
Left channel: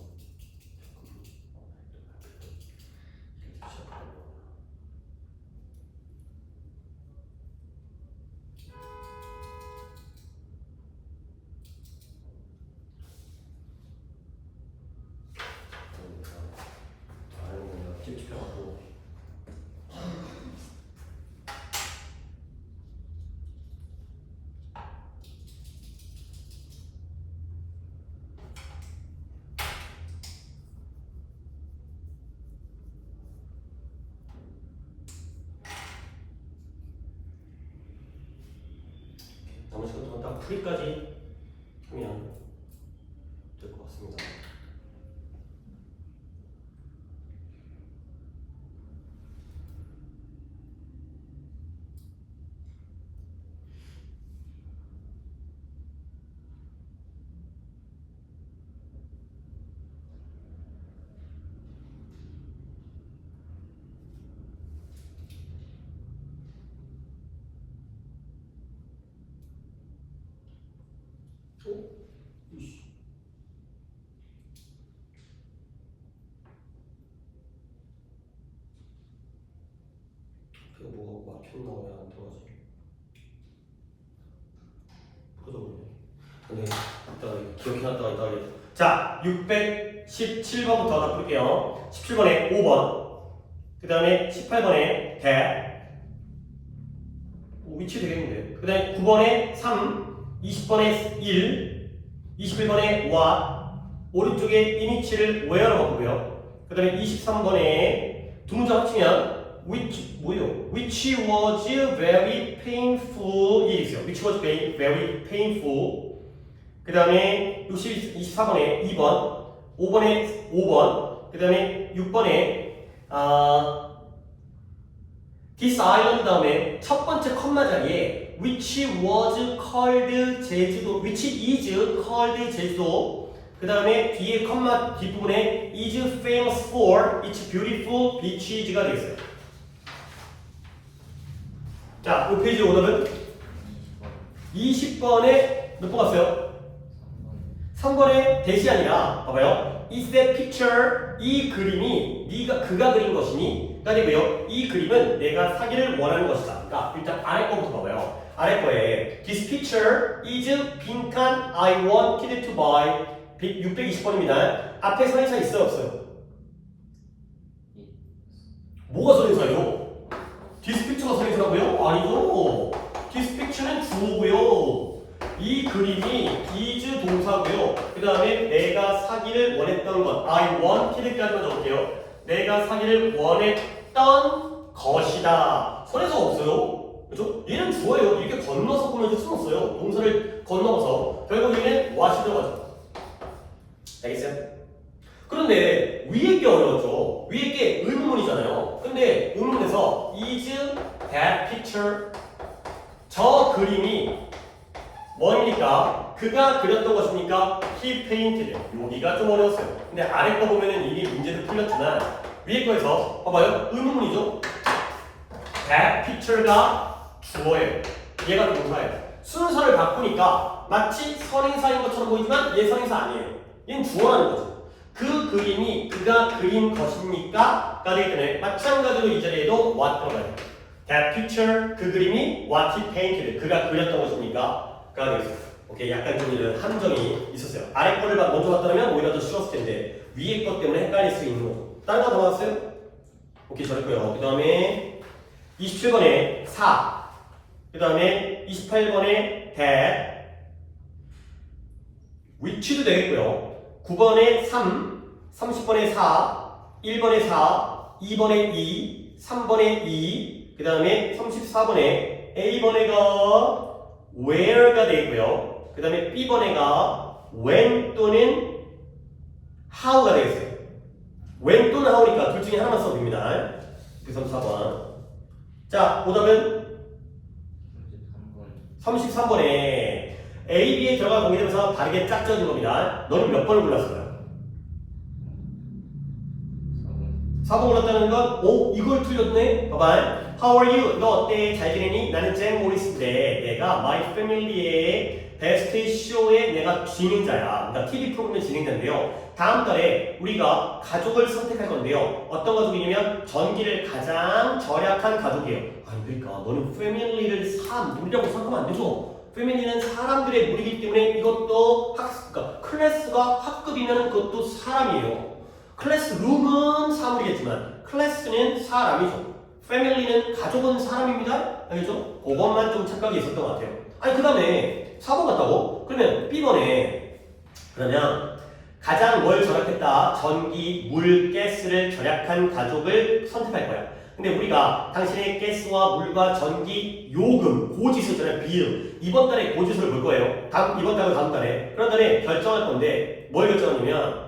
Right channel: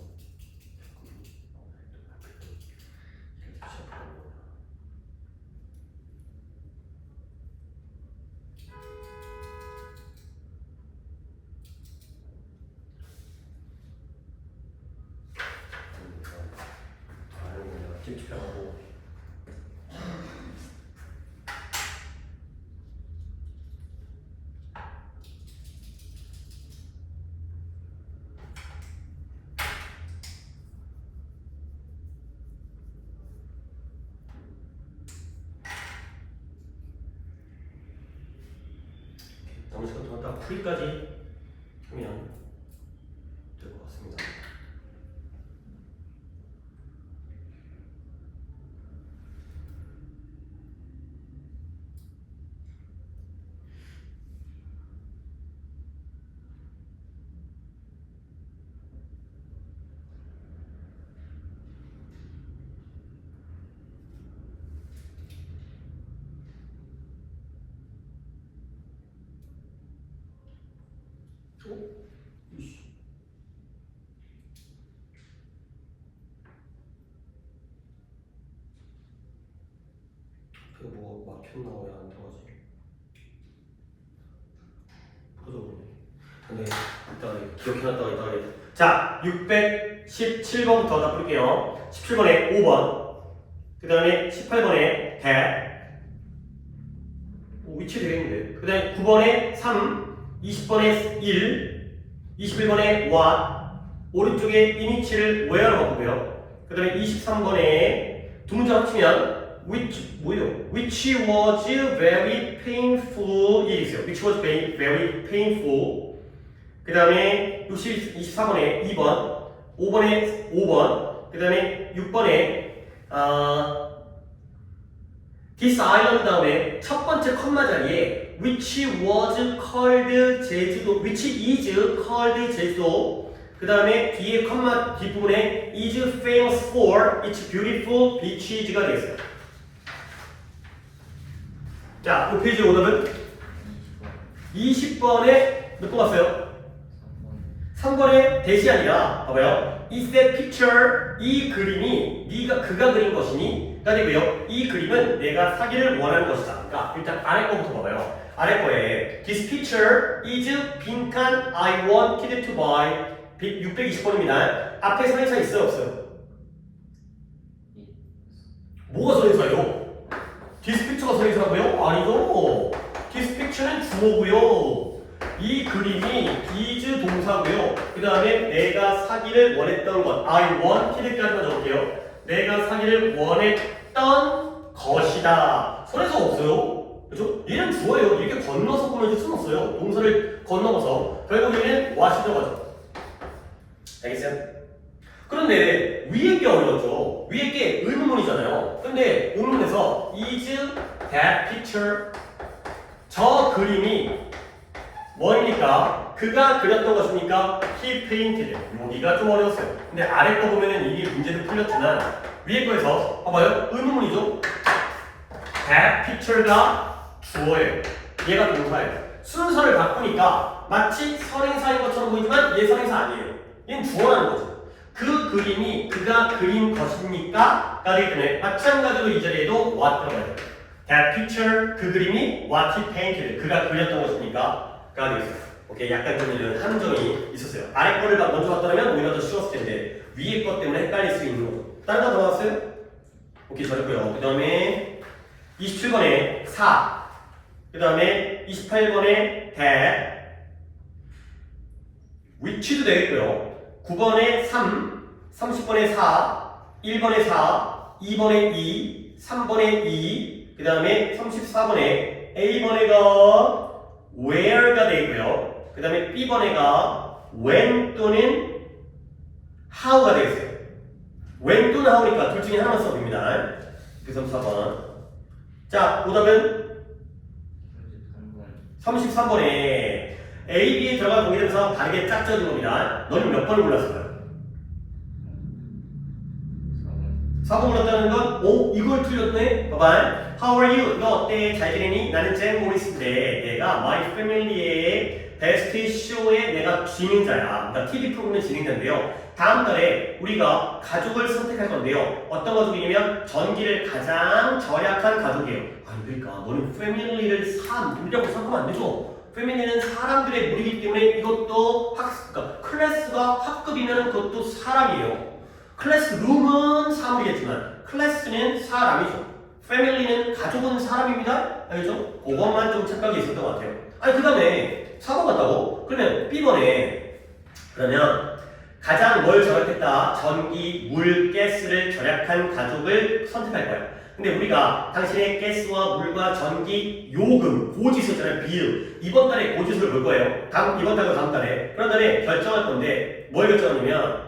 찝찝하고 남은 시간 동안 딱 풀이까지 하면 될 것 같습니다. 이씨. 그거 뭐가 막혔나 왜 안 들어가지? 부러져버리네. 근데 일단 기억해놨다가 이따 하겠다. 자, 617번부터 다 볼게요. 17번에 5번, 그 다음에 18번에 that, 위치 되겠는데. 그 다음에 9번에 3, 20번에 1, 21번에 what, 오른쪽에 이니치를 where로 바꾸고요. 그 다음에 23번에 두 문장 합치면 which 뭐예요? Which was very painful 이 있어요. Which was very painful. 그 다음에 24번에 2번, 5번에 5번, 그 다음에 6번에 This island 다음에 첫 번째 컴마 자리에 which was called 제주도, which is called 제주도. 그 다음에 뒤에 컴마 뒷부분에 is famous for its beautiful beaches가 되겠어요. 자, 이 페이지 오답은 20번에 몇 번 갔어요? 3번에 대시 아니라 봐봐요. Is that picture 이 그림이 그가 그린 것이니 가 되고요. 이 그림은 내가 사기를 원하는 것이다. 그러니까 일단 아래 거부터 봐봐요. 아래 거에 This picture is 빈칸 I wanted to buy 620번입니다. 앞에 선행사 있어요 없어요? 뭐가 선행사예요? This picture가 선행사라고요? 아니죠. This picture는 주어고요. 이 그림이 is 동사고요. 그 다음에 내가 사기를 원했던 것 I wanted까지만 적을게요. 내가 사기를 원했던 것이다. 선행사 없어요. 그죠? 얘는 주어예요. 이렇게 건너서 보면 쓸모없어요. 동사를 건너서 결국 얘는 what이 들어가죠. 알겠어요? 그런데 위에 게 어려웠죠. 위에 게 의문문이잖아요. 근데 의문문에서 is that picture 저 그림이 뭐입니까? 그가 그렸던 것입니까? He painted. 여기가 좀 어려웠어요. 근데 아래 거 보면은 이게 문제도 풀렸지만 위에 거에서 봐봐요. 의문문이죠. That picture가 주어예요. 얘가 동사예요. 순서를 바꾸니까 마치 선행사인 것처럼 보이지만 얘 선행사 아니에요. 얘는 주어라는 거죠. 그 그림이 그가 그린 것입니까? 가 되기 때문에 마찬가지로 이 자리에도 what 들어가요. That picture 그 그림이 what he painted 그가 그렸던 것입니까? 가 되겠어요. 오케이, 약간 좀 이런 함정이 있었어요. 아래 거를 먼저 봤다면 오히려 더 쉬웠을 텐데 위에 것 때문에 헷갈릴 수 있는 거죠. 다른 거 더 나왔어요? 오케이, 잘했고요. 그 다음에 27번에 4, 그 다음에 28번에 that, which도 되겠고요. 9번에 3, 30번에 4, 1번에 4, 2번에 2, 3번에 2, 그 다음에 34번에 A번에가 where가 되고요. 그 다음에 B번에가 when 또는 how가 되겠어요. when 또는 how니까 둘 중에 하나만 써봅니다. 그 34번. 자, 오답은 33번에 A, B에 들어간 공개되면서 다르게 짝져진 겁니다. 너는 몇 번을 골랐어요? 4번 올랐다는 건, 오, 이걸 틀렸네? 봐봐. How are you? 너 어때? 잘 지내니? 나는 잭 모리스인데, 내가 My Family의 베스트 쇼에 내가 진행자야. 그러니까 TV 프로그램의 진행자인데요. 다음 달에 우리가 가족을 선택할 건데요. 어떤 가족이냐면, 전기를 가장 절약한 가족이에요. 아니, 그러니까, 너는 패밀리를 무리라고 생각하면 안 되죠. 패밀리는 사람들의 무리이기 때문에 이것도 그러니까 클래스가 학급이면 그것도 사람이에요. 클래스룸은 사물이겠지만 클래스는 사람이죠. 패밀리는 가족은 사람입니다. 알겠죠? 그것만 좀 착각이 있었던 것 같아요. 아니 그 다음에 4번 같다고? 그러면 B번에 그러면 가장 뭘 절약했다? 전기, 물, 가스를 절약한 가족을 선택할 거야. 근데 우리가 당신의 가스와 물과 전기 요금 고지수잖아요. 비율. 이번 달에 고지수를 볼 거예요. 이번 달과 다음 달에. 그런 달에 결정할 건데 뭘 결정하냐면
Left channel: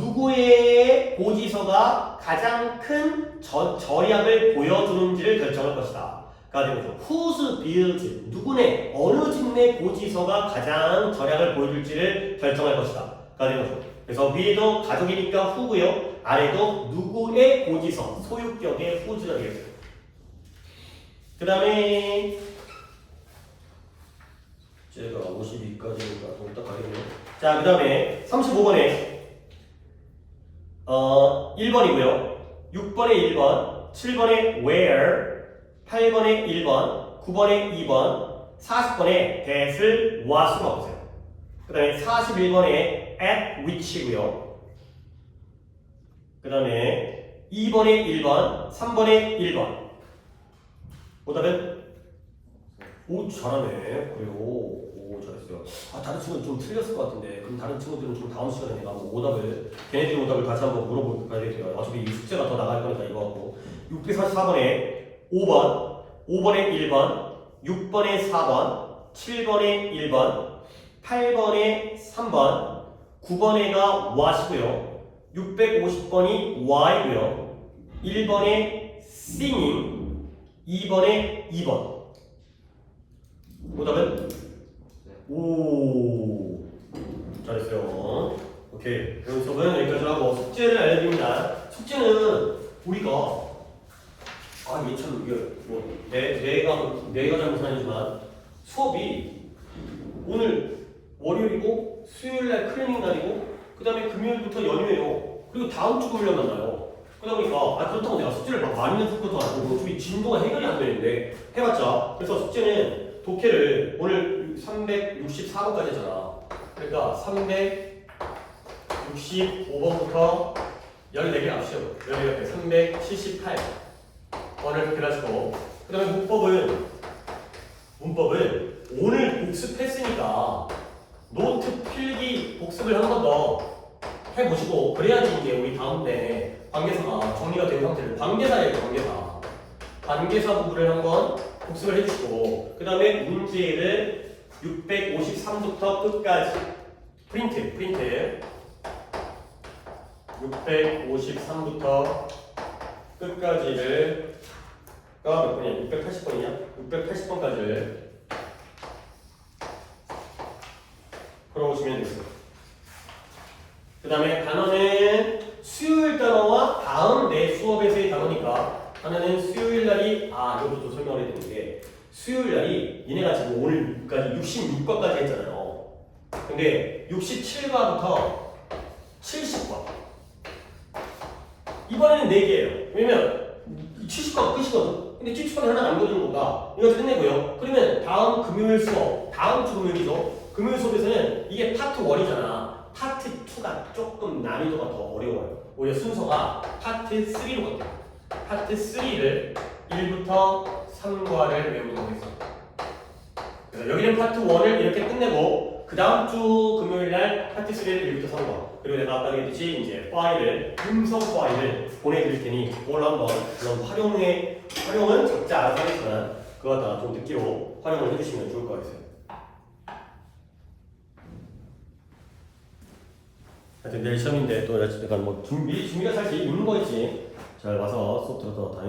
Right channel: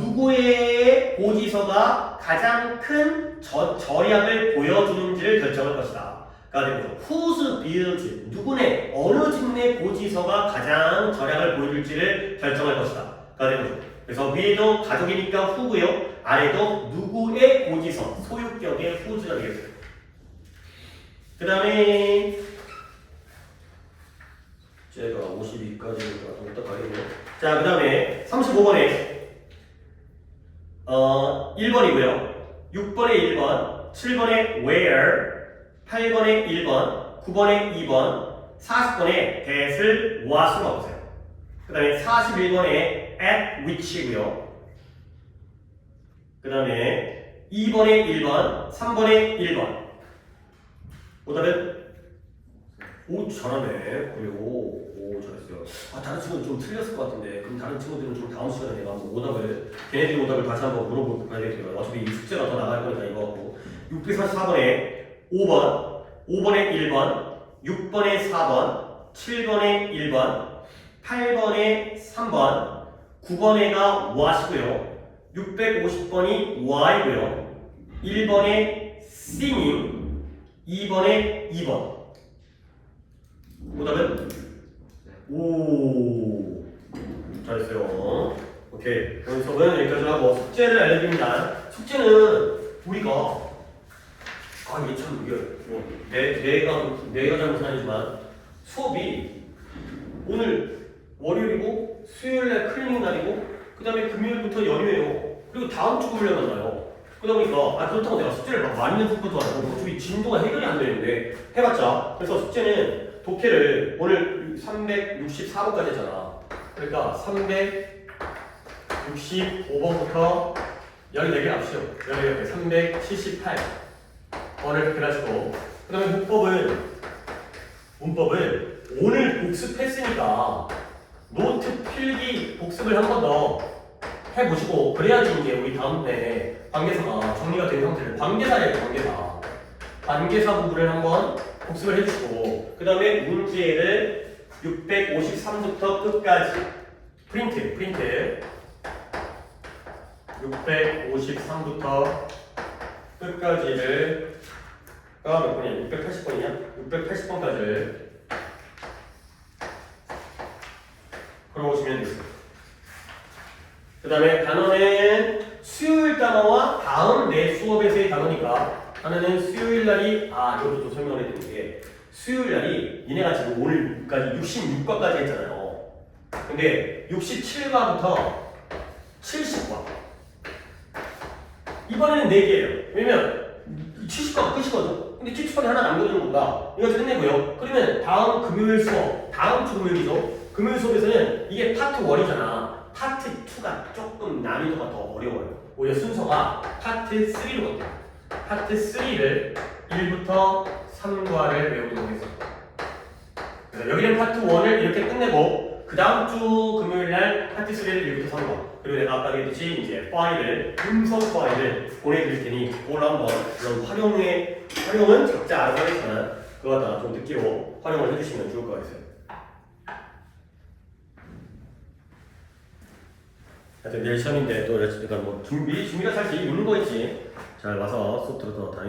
누구의 고지서가 가장 큰 절약을 보여주는지를 결정할 것이다. 그러니까 whose build, 누구네, 어느 직내 고지서가 가장 절약을 보여줄지를 결정할 것이다. 그래서 위에도 가족이니까 who고요. 아래도 누구의 고지서, 소유격의 who가 되겠어요. 그 다음에 제가 52까지니까 좀 이따 가겠네요. 자, 그 다음에 35번에 1번이고요. 6번에 1번, 7번에 where, 8번에 1번, 9번에 2번, 40번에 that을 what으로 바꾸세요. 그 다음에 41번에 at which이고요. 그 다음에 2번에 1번, 3번에 1번. 오답은? 오, 잘하네. 그래요. 오, 잘했어요. 아, 다른 친구는 좀 틀렸을 것 같은데, 그럼 다른 친구들은 좀 다음 시간에 내가 오답을, 걔네들 오답을 다시 한번 물어볼 봐야 되겠어요. 어차피 이 숙제가 더 나갈 거니까 이거 갖고. 644번에 5번, 5번에 1번, 6번에 4번, 7번에 1번, 8번에 3번, 9번에가 what이고요. 650번이 why고요. 1번에 singing, 2번에 2번. 오답은? 오, 잘했어요. 오케이. 오늘 수업은 여기까지 하고 숙제를 알려드립니다. 숙제는 우리가 이게 참 이게 내가 잘못은 아니지만 수업이 오늘 월요일이고 수요일날 클리닝 날이고 그 다음에 금요일부터 연휴예요. 그리고 다음 주 금요일에 만나요. 그러다 보니까 그렇다고 내가 숙제를 막 많이 낸 것도 아니고 어차피 진도가 해결이 안 되는데 해봤자. 그래서 숙제는 독해를 오늘 364번까지 했잖아. 그러니까 365번부터 14개 합시오. 14개, 378번을 해가지고 그 다음에 문법은 오늘 복습했으니까 노트 필기 복습을 한 번 더 해보시고 그래야지 이제 우리 다음 때 관계사가 정리가 된 상태를 관계사예요. 관계사 부분을 한번 복습을 해주시고 그 다음에 문제를 653부터 끝까지 프린트 653부터 끝까지를 몇 번이야? 680번이냐? 680번까지를 걸어오시면 되겠습니다. 그 다음에 단어는 수요일 단어와 다음 내 수업에서의 단어니까 하나는 수요일 날이 이것도 또 설명을 해야 되는 게 수요일 날이 얘네가 지금 오늘까지 66과까지 했잖아요. 근데 67과부터 70과 이번에는 4개예요. 왜냐면 70과가 끝이거든. 근데 70과에 하나 남겨주는 거다. 이거 끝내고요. 그러면 다음 금요일 수업, 다음 주 금요일이죠. 금요일 수업에서는 이게 파트 1이잖아. 파트 2가 조금 난이도가 더 어려워요. 오히려 순서가 파트 3로 같아요. 파트 3를 1부터 3과를 외우도록 하겠습니다. 그래서 여기는 파트 1을 이렇게 끝내고 그 다음 주 금요일 날 파트 3를 1부터 3과 그리고 내가 아까 얘기했듯이 이제 음성 파일을 보내드릴 테니 그걸 한번 그런 활용은 각자 알아서 하겠지만 그거 다 좀 듣기로 활용을 해주시면 좋을 것 같아요. 하여튼 내일 시험인데 또 약간 준비가 사실 있는 거 있지. 잘 와서 수업 들어서 다니